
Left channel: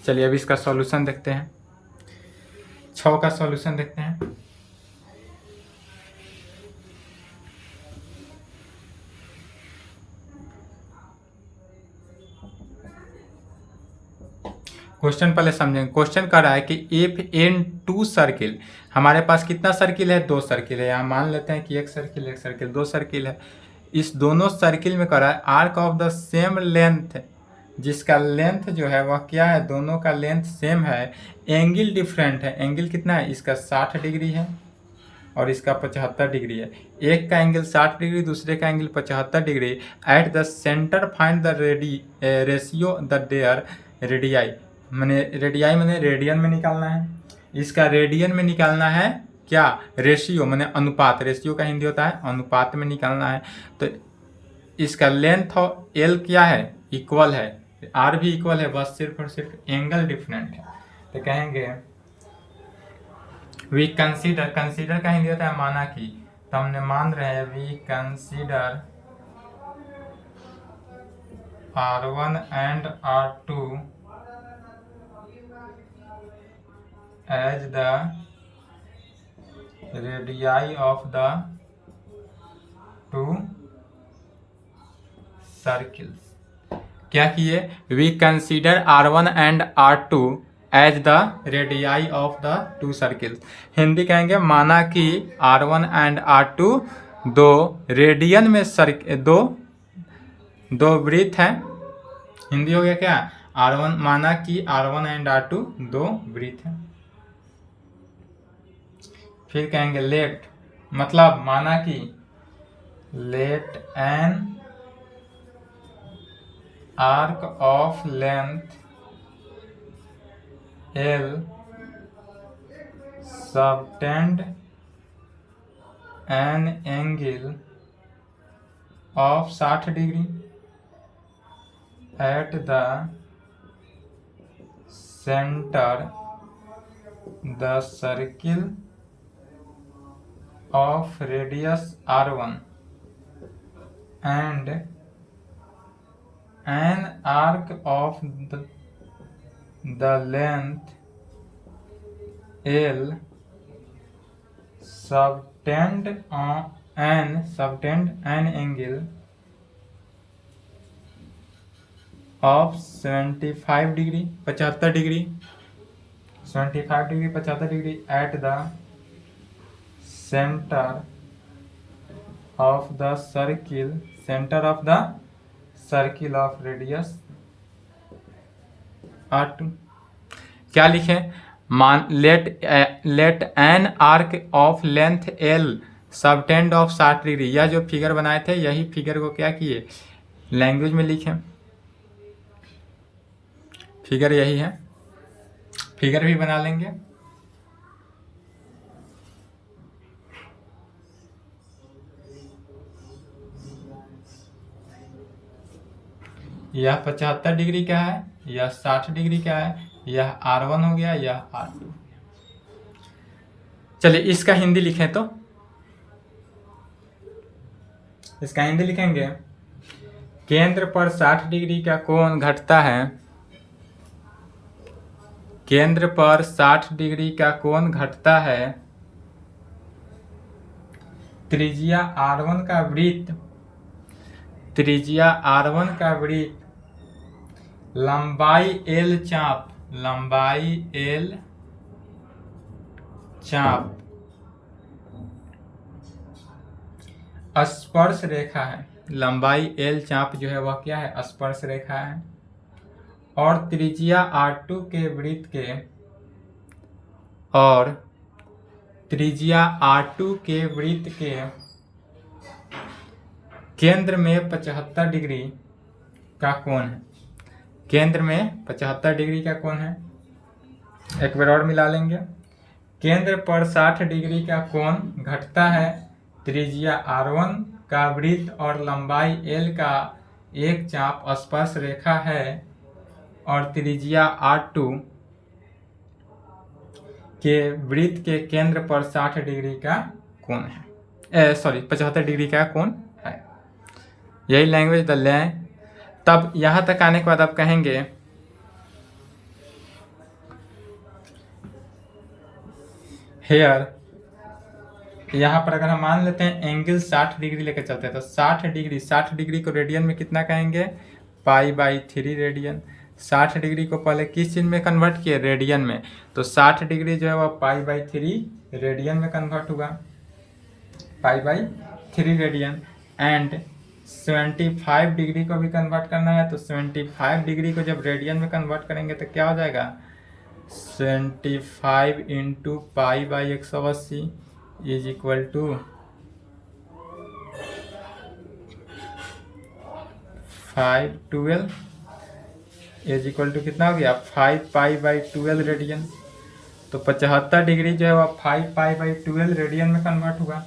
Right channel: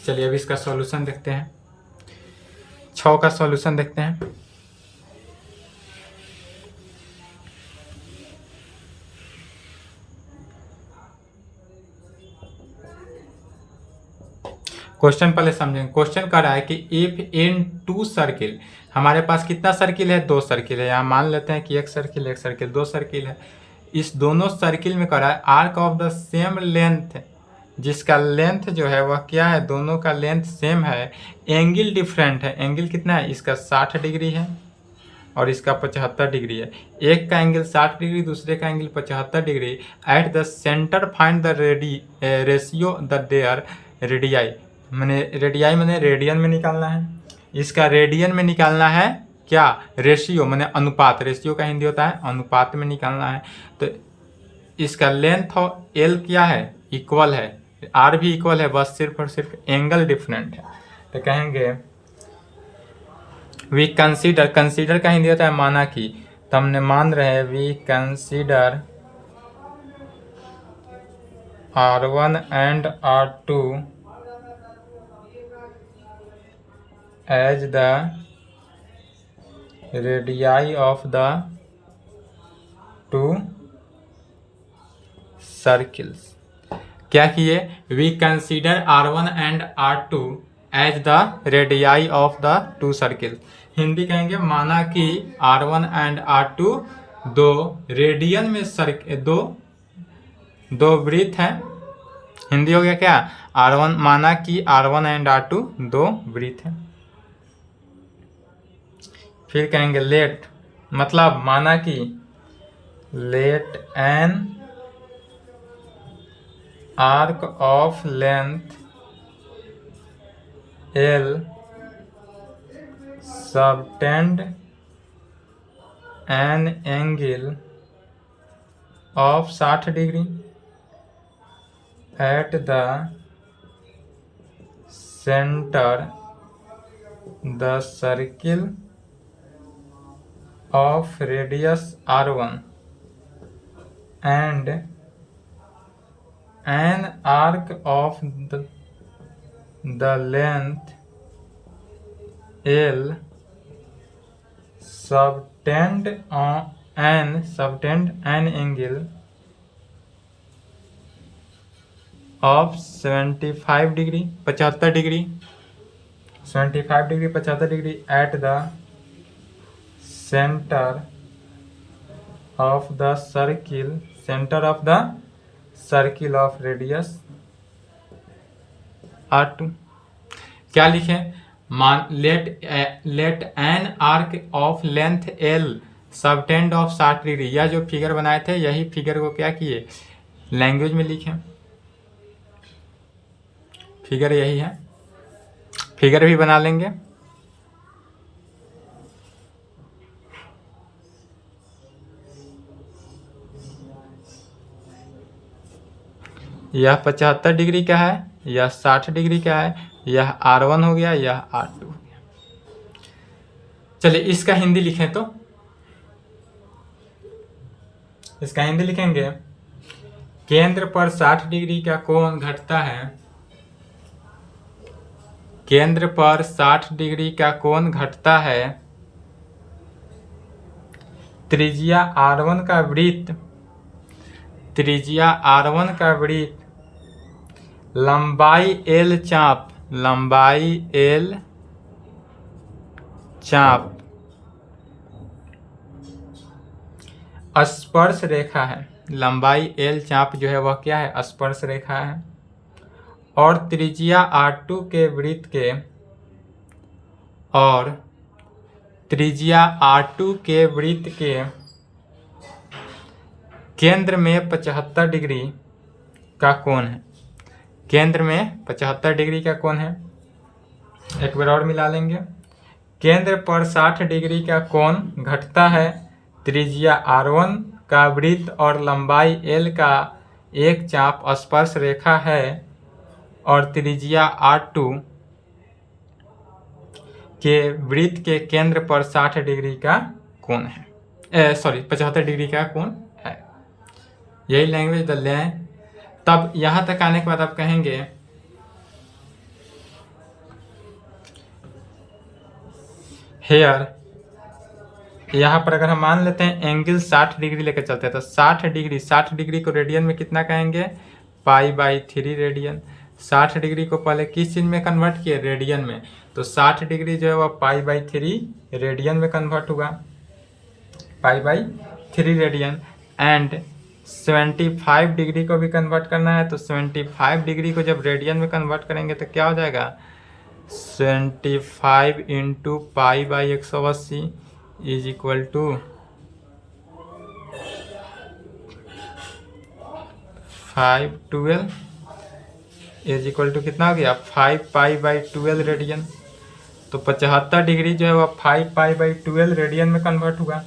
चलिए अब इसका सॉल्यूशन देखते हैं। 6 का सॉल्यूशन देखते हैं। क्वेश्चन पहले समझेंगे। क्वेश्चन कर रहा है कि इफ इन 2 सर्किल, हमारे पास कितना सर्किल है? 2 सर्किल है। यहाँ मान लेते हैं कि एक सर्किल 2 सर्किल है। इस दोनों सर्किल में कर रहा है arc of the same length, जिसका लेंथ जो है वह क्या है? दोनों का लेंथ सेम है, एंगल डिफरेंट है। एंगल कितना है? इसका 60 डिग्री है और इसका 75 डिग्री है। एक का एंगल 60 डिग्री, दूसरे का angle 75 degree. Eight the centre find the ratio the there radii, मैंने रेडियाई मैंने रेडियन में निकालना है। इसका रेडियन में निकालना है क्या? रेशियो मैंने अनुपात। रेशियो का हिंदी होता है अनुपात में निकालना है। तो इसका लेंथ और एल क्या है? इक्वल है, आर भी इक्वल है, बस सिर्फ और सिर्फ एंगल डिफरेंट है। तो कहेंगे वी कंसीडर, कंसीडर का हिंदी होता है माना कि, तो हमने मान रहे हैं we consider R1 and R2 as the radii of the 2 circles. क्या किए? We consider R1 and R2 as the radii of the 2 circle. Hindi कहेंगे माना कि R1 एंड R2 दो रेडियन में दो वृत्त हैं। हिंदी हो गया क्या? R1 माना कि R1 एंड R2 दो वृत्त हैं। फिर कहेंगे लेट, मतलब माना कि let an arc of length L subtend an angle of 60 degree at the center the circle of radius R1 and an arc of the length L subtend an angle of 75 degree 75 degree 75 degree at the center of the circle of radius R2। क्या लिखें? मान let an arc of length L subtend of 60 degree. यह जो figure बनाए थे यही figure को क्या किए? लैंग्वेज में लिखें। फिगर यही है, फिगर भी बना लेंगे। यह 75 डिग्री का है, यह 60 डिग्री का है, यह R1 हो गया, यह R2 हो गया। चलिए इसका हिंदी लिखें तो इसका हिंदी लिखेंगे केंद्र पर 60 डिग्री का कोण घटता है, केंद्र पर 60 डिग्री का कोण घटता है, त्रिज्या R1 का वृत्त, त्रिज्या R1 का वृत्त, लंबाई L चाप, लंबाई L चाप स्पर्श रेखा है। लंबाई L चाप जो है वह क्या है? स्पर्श रेखा है। और त्रिज्या R2 के वृत्त के, और त्रिज्या R2 के वृत्त के केंद्र में 75 डिग्री का कोण है। केंद्र में 75 डिग्री का कोण है। एक बार और मिला लेंगे। केंद्र पर 60 डिग्री का कोण घटता है, त्रिज्या R1 का वृत्त और लंबाई L का एक चाप स्पर्श रेखा है, और त्रिज्या R2 के वृत्त के केंद्र पर 60 डिग्री का कोण है, 75 डिग्री का कोण है। यही लैंग्वेज डाल लें। तब यहाँ तक आने के बाद आप कहेंगे हेयर, यहाँ पर अगर हम मान लेते हैं एंगल 60 डिग्री लेकर चलते हैं तो 60 डिग्री को रेडियन में कितना कहेंगे, π/3 रेडियन। 60 डिग्री को पहले किस चीज़ में कन्वर्ट किए, रेडियन में, तो 60 डिग्री जो है वह π/3 रेडियन में कन्वर्ट होगा, π/3 रेडियन। एंड 75 डिग्री को भी कन्वर्ट करना है तो 75 डिग्री को जब रेडियन में कन्वर्ट करेंगे तो क्या हो जाएगा, 75 into π/180 is equal to 512 is equal to कितना हो गया, 5π/12 रेडियन। तो 75 डिग्री जो है वह 5π/12 रेडियन में कन्वर्ट हुआ।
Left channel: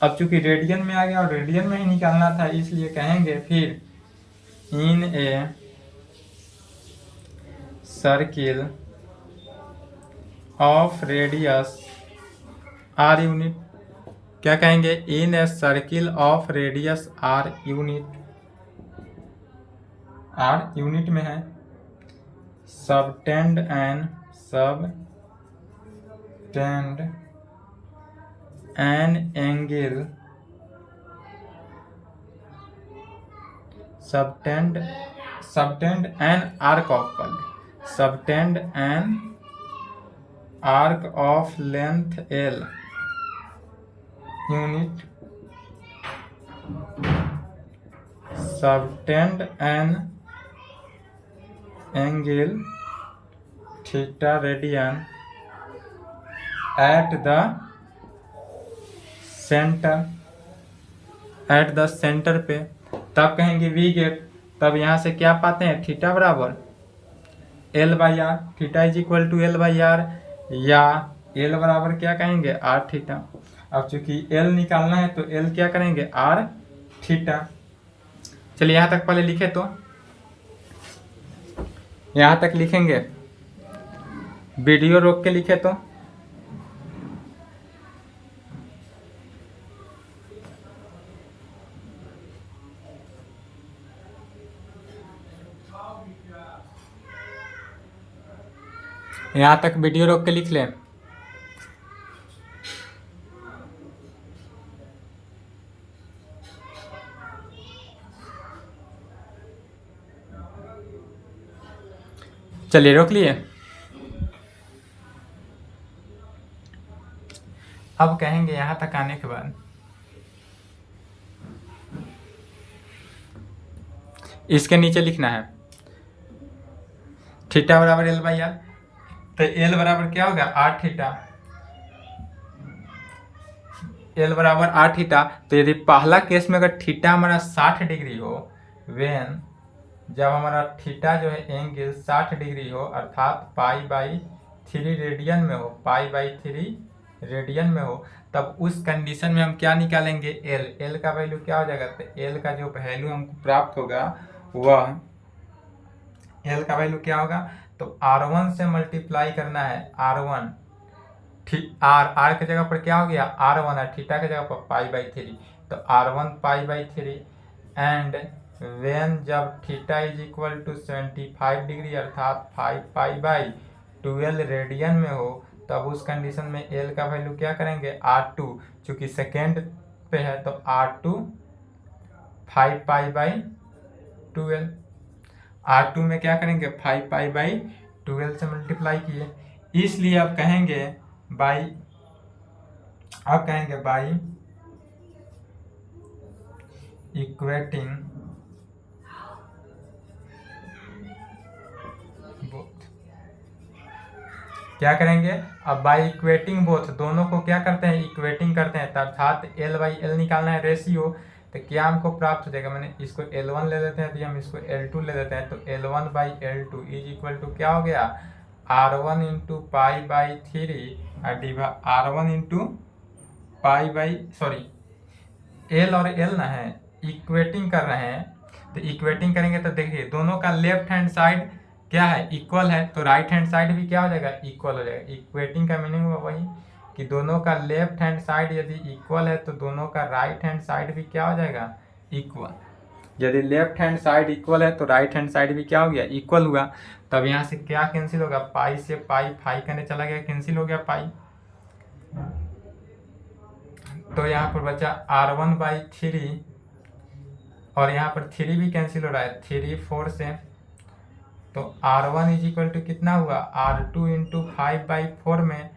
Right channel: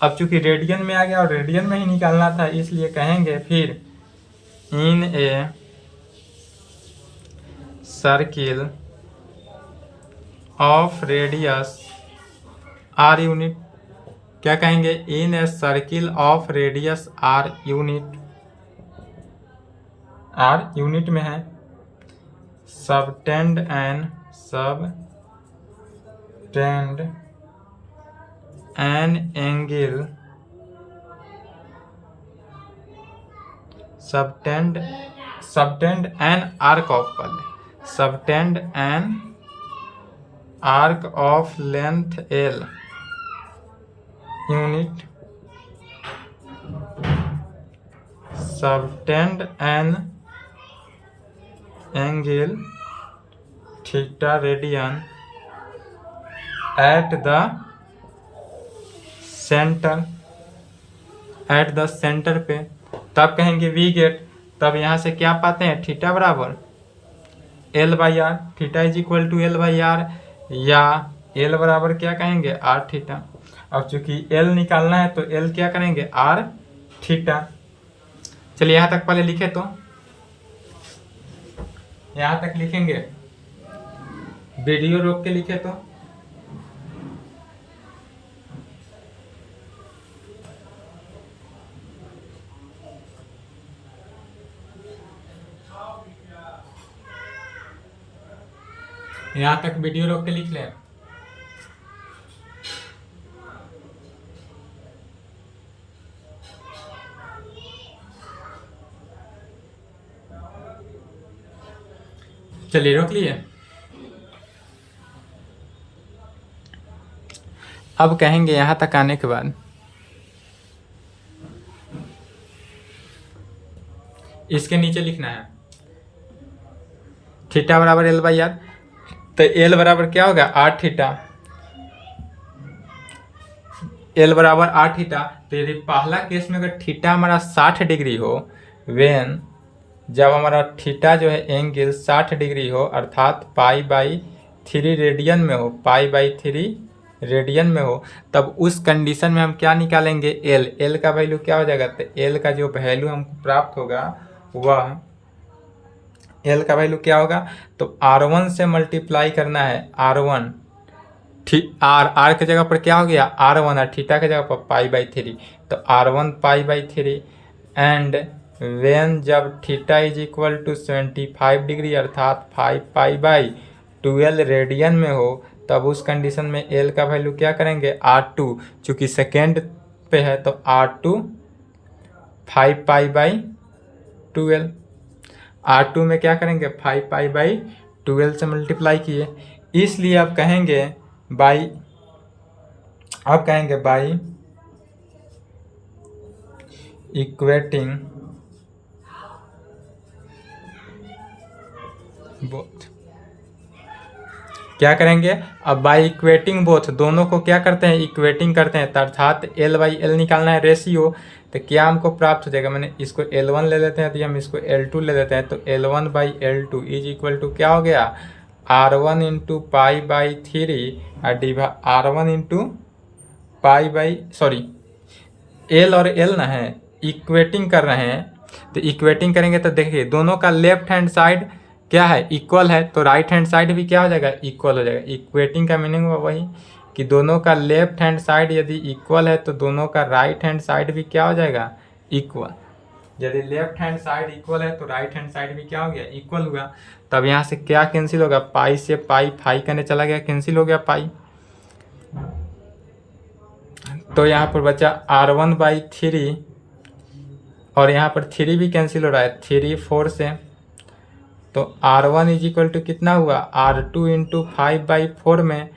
अब चूंकि रेडियन में आ गया और रेडियन में ही निकालना था, इसलिए कहेंगे फिर in a circle of radius r unit, क्या कहेंगे, in a circle of radius r unit, r unit में है, subtend an angle, subtend an arc of, subtend an arc of length l unit, subtend an angle theta radian at the centre पे, तब कहेंगे we get. तब यहाँ से क्या पाते हैं, थीटा बराबर L/R, theta is equal to L/R, या L बराबर क्या कहेंगे, R थीटा। अब चूंकि L निकालना है तो L क्या करेंगे, R थीटा। चलिए यहाँ तक पहले लिखे, तो यहाँ तक लिखेंगे, वीडियो रोक के लिखे तो यहाँ तक वीडियो रोक के लिख लें। चलिए रोक लिए। अब कहेंगे यहाँ तक आने के बाद इसके नीचे लिखना है थीटा बराबर L/R, तो L बराबर क्या होगा, R थीटा, L बराबर R थीटा। तो यदि पहला केस में अगर थीटा हमारा 60 डिग्री हो, वेन जब हमारा थीटा जो है एंगल 60 डिग्री हो, अर्थात π/3 रेडियन में हो, π/3 रेडियन में हो, तब उस कंडीशन में हम क्या निकालेंगे, L का वैल्यू क्या हो जाएगा, तो L का जो वैल्यू हमको प्राप्त होगा वह L का वैल्यू क्या होगा, तो R1 से मल्टीप्लाई करना है, R1 R के जगह पर क्या हो गया, R1, और थीटा के जगह पर π/3, तो R1 π/3। एंड वेन जब theta is equal to 75 degree अर्थात 5π/12 रेडियन में हो, तब उस कंडीशन में L का वैल्यू क्या करेंगे, R2, चूँकि सेकेंड पे है तो R2 5π/12, R2 में क्या करेंगे, 5π/12 से मल्टीप्लाई किए, इसलिए आप कहेंगे बाई इक्वेटिंग बोथ, क्या करेंगे, अब बाई इक्वेटिंग बोथ, दोनों को क्या करते हैं, इक्वेटिंग करते हैं, अर्थात L/L निकालना है रेशियो, तो क्या हमको प्राप्त हो जाएगा, मैंने इसको L1 ले लेते हैं तो हम इसको L2 ले लेते हैं, तो L1/L2 इज इक्वल टू क्या हो गया, R1 into π/3 R1 into L और L ना है, इक्वेटिंग कर रहे हैं, तो इक्वेटिंग करेंगे तो देखिए दोनों का लेफ्ट हैंड साइड क्या है, इक्वल है, तो राइट हैंड साइड भी क्या हो जाएगा, इक्वल हो जाएगा। इक्वेटिंग का मीनिंग हुआ वही कि दोनों का लेफ्ट हैंड साइड यदि इक्वल है तो दोनों का राइट हैंड साइड भी क्या हो जाएगा, इक्वल। यदि लेफ्ट हैंड साइड इक्वल है तो राइट हैंड साइड भी क्या हो गया, इक्वल हुआ। तब यहाँ से क्या कैंसिल होगा, पाई से पाई फाई करने चला गया, कैंसिल हो गया पाई। तो यहाँ पर बचा R1/3 और यहाँ पर 3 भी कैंसिल हो रहा है, 3 4 से, तो R1 इज इक्वल टू कितना हुआ, R2 इंटू 5/4 में,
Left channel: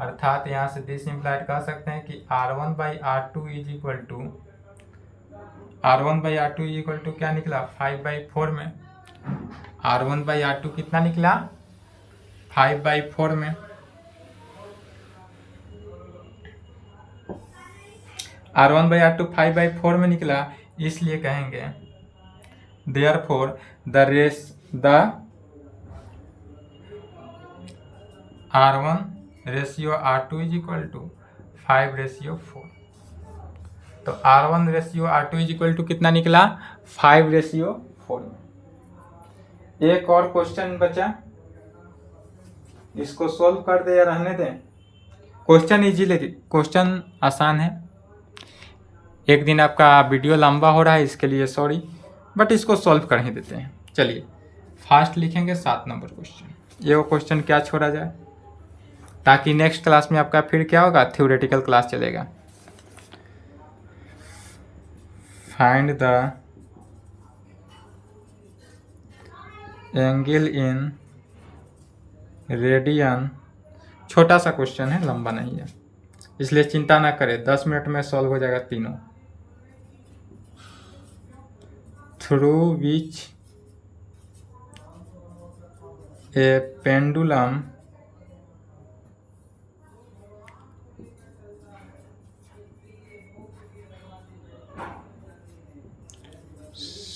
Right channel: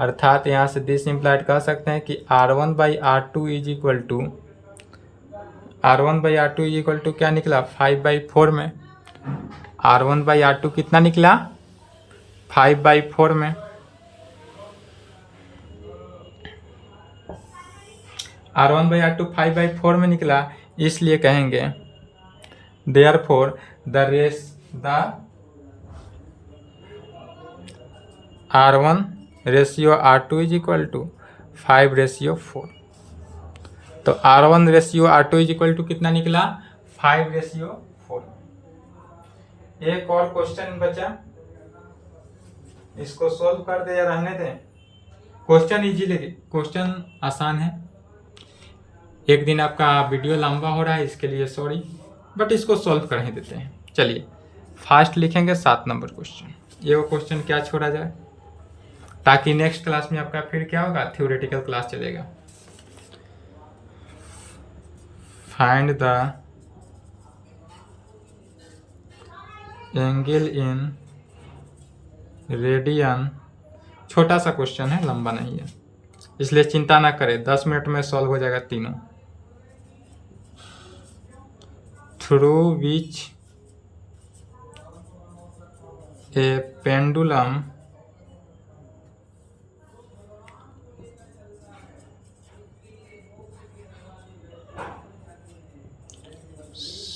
अर्थात यहाँ से दिस इम्प्लाइड कह सकते हैं कि R1/R2 इज इक्वल टू क्या निकला, 5/4 में। R1/R2 कितना निकला, 5/4 में। R1/R2 5/4 में निकला, इसलिए कहेंगे therefore the R1 ratio R2 is equal to 5/4। तो R1 ratio R2 is equal to कितना निकला, 5/4। एक और क्वेश्चन बचा, इसको सॉल्व कर दे या रहने दें। क्वेश्चन आसान है। एक दिन आपका वीडियो लंबा हो रहा है, इसके लिए सॉरी, बट इसको सॉल्व कर ही देते हैं। चलिए फास्ट लिखेंगे 7 नंबर क्वेश्चन। ये वो क्वेश्चन क्या छोड़ा जाए, ताकि नेक्स्ट क्लास में आपका फिर क्या होगा, थ्योरेटिकल क्लास चलेगा। Find the angle in radian. छोटा सा क्वेश्चन है, लंबा नहीं है, इसलिए चिंता ना करें, 10 मिनट में सॉल्व हो जाएगा तीनों। Through which A pendulum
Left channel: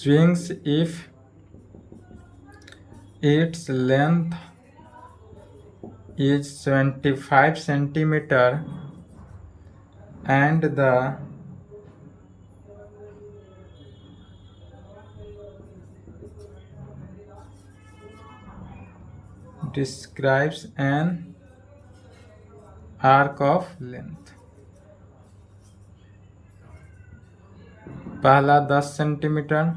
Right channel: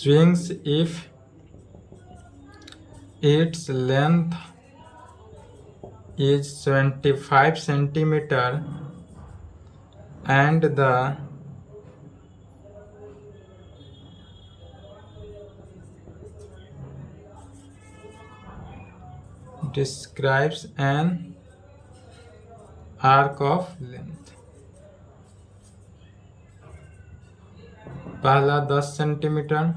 swings if its length is 75 centimeter and the describes an arc of length। पहला 10 सेंटीमीटर,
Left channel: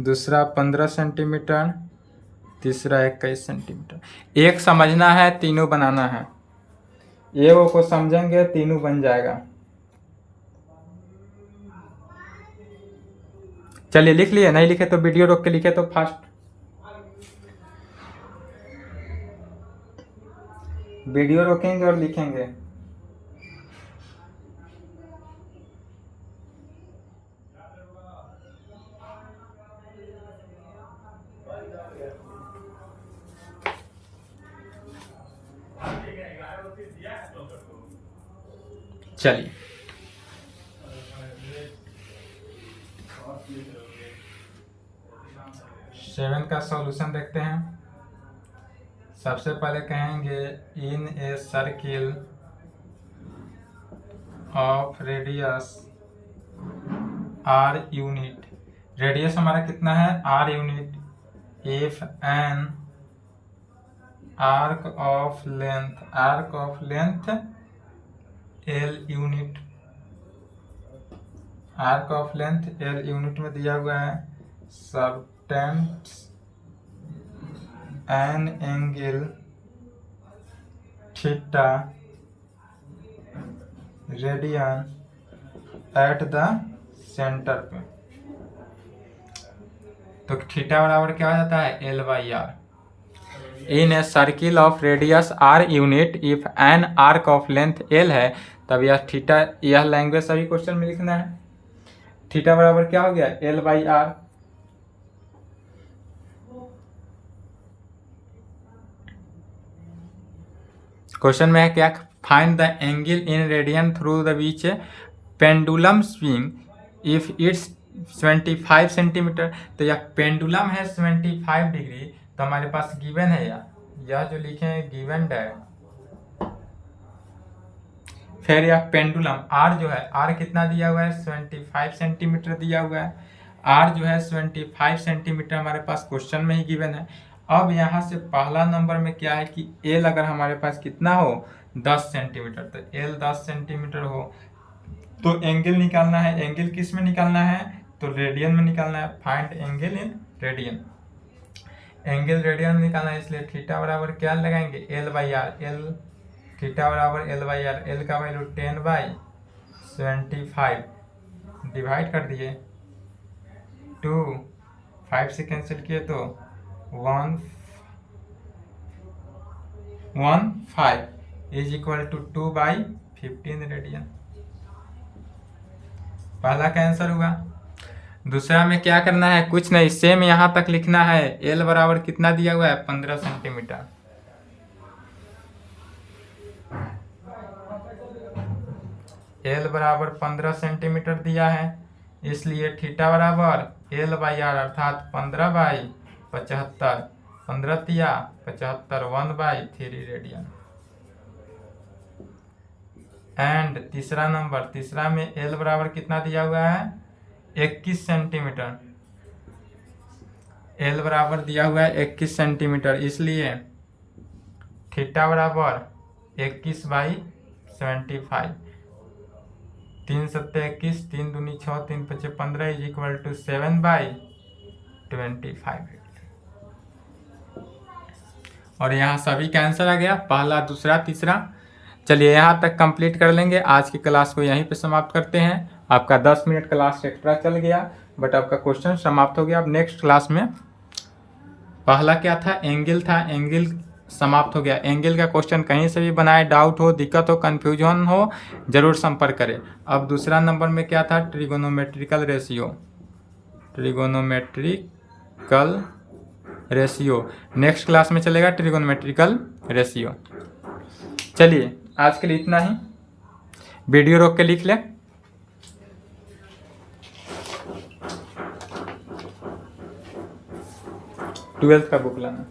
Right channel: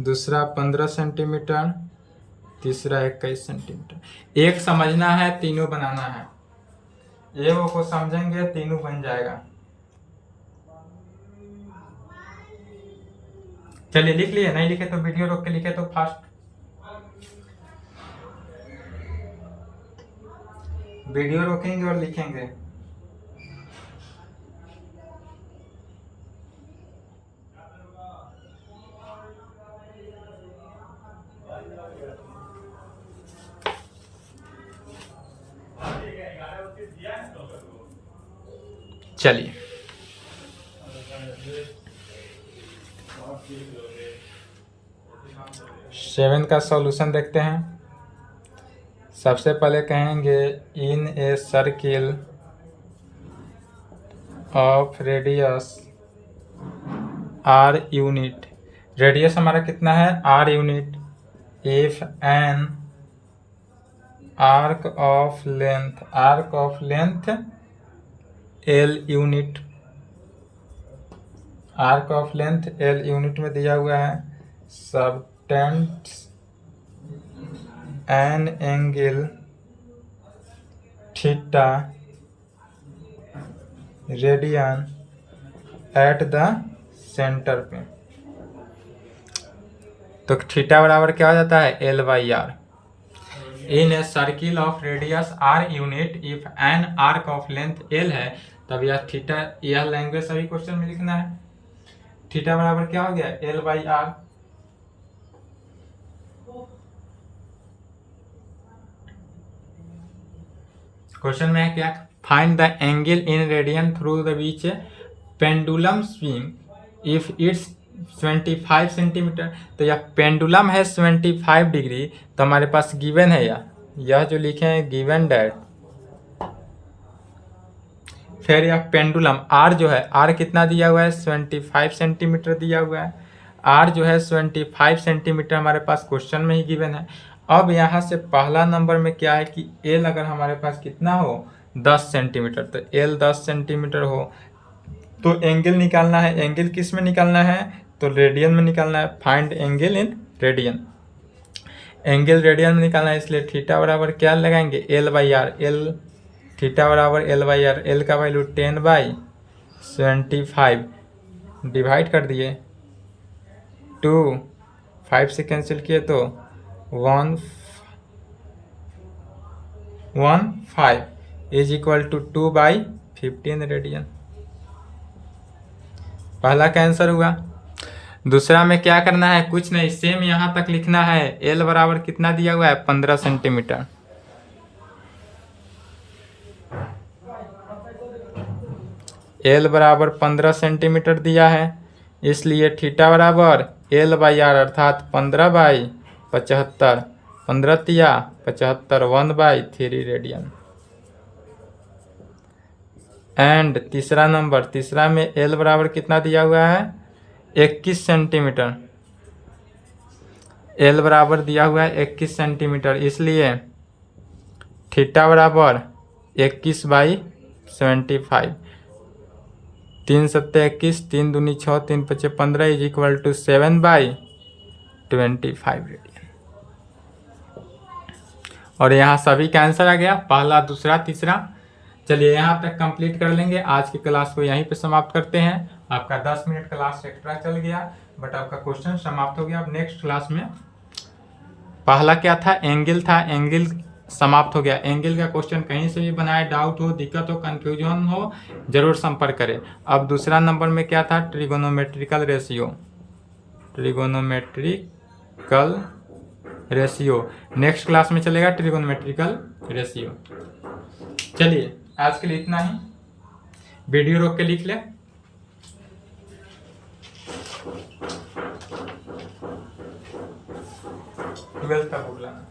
दूसरा 15 सेंटीमीटर, तीसरा 21 सेंटीमीटर। एक समझना है, तीनों बनाना है। एक को समझेंगे तीनों बन जाएगा। चलिए लिख लिए, नहीं लिखे तो वीडियो रोक के लिखे तो फास्ट। वीडियो रोकेंगे और लिखेंगे। चलिए सेवन का सॉल्यूशन देखते हैं। सबसे पहले कहेंगे in a circle of radius R unit. Radius हमारा कितना है, R unit. If an arc of length L unit, arc of length L unit में दिया हुआ है। Subtends an angle theta radian at the centre पे। तो थीटा बराबर क्या हो जाता है, L/R। In a circle of radius R unit if an arc of length L है, तब यह थीटा, यह लैंग्वेज सभी क्वेश्चन में लिखना है। थीटा बराबर क्या हो गया, L/R। क्वेश्चन में है क्या, find the angle in radian through the which pendulum swing if it's 25 centimetre. तो यह पेंडुलम है 75 डिग्री, तो हमारे पास गिवन है यह जो लिखे हैं गिवन डैट। फिर यह पेंडुलम R जो है, R कितना दिया हुआ है, 75 सेंटीमीटर दिया हुआ है। R जो है 75 सेंटीमीटर हमारे पास क्वेश्चन में ही गिवन है। अब यहाँ से पहला नंबर में क्या है कि L अगर हमारे पास कितना हो, 10 सेंटीमीटर, तो L 10 सेंटीमीटर हो तो एंगल निकालना है। एंगल किस में निकालना है, तो रेडियन में निकालना है। Find angle in radian, angle radian में निकालना है, इसलिए थीटा बराबर क्या लगाएंगे, L/R। L थीटा बराबर L/R, L का वैल्यू 10/75 डिवाइड कर दिए 2, 5 से कैंसिल किए तो 1.15 इज इक्वल टू 2/15 रेडियन। पहला का आंसर हुआ। दूसरा में क्या करना है, कुछ नहीं, सेम यहाँ तक लिखना है। L बराबर कितना दिया हुआ है, 15 सेंटीमीटर। L बराबर 15 सेंटीमीटर दिया है, इसलिए थीटा बराबर L/R अर्थात 15/75, 15 तिया 75, 1/3 रेडियन। एंड तीसरा नंबर, तीसरा में L बराबर कितना दिया हुआ है, 21 सेंटीमीटर। L बराबर दिया हुआ है 21 सेंटीमीटर, इसलिए थीटा बराबर 21/75, 3 सत्ते 21, 3 दूनी 6, 3 पचे 15 इज इक्वल टू 7/25 रेडियन। और यहाँ सभी का आंसर आ गया, पहला, दूसरा, तीसरा। चलिए यहाँ तक कंप्लीट कर लेंगे। आज की क्लास को यहीं पे समाप्त करते हैं। आपका 10 मिनट क्लास एक्स्ट्रा चल गया, बट आपका क्वेश्चन समाप्त हो गया। अब नेक्स्ट क्लास में पहला क्या था, एंगल था, एंगल समाप्त हो गया। एंगल का क्वेश्चन कहीं से भी बनाए, डाउट हो, दिक्कत हो, कन्फ्यूजन हो, जरूर संपर्क करें। अब दूसरा नंबर में क्या था, trigonometrical ratio, trigonometrical ratio next class में चलेगा, ट्रिगोनोमेट्रिकल रेशियो। चलिए आज के लिए इतना ही। वीडियो रोक के लिख ले। 12th का बुक लाना।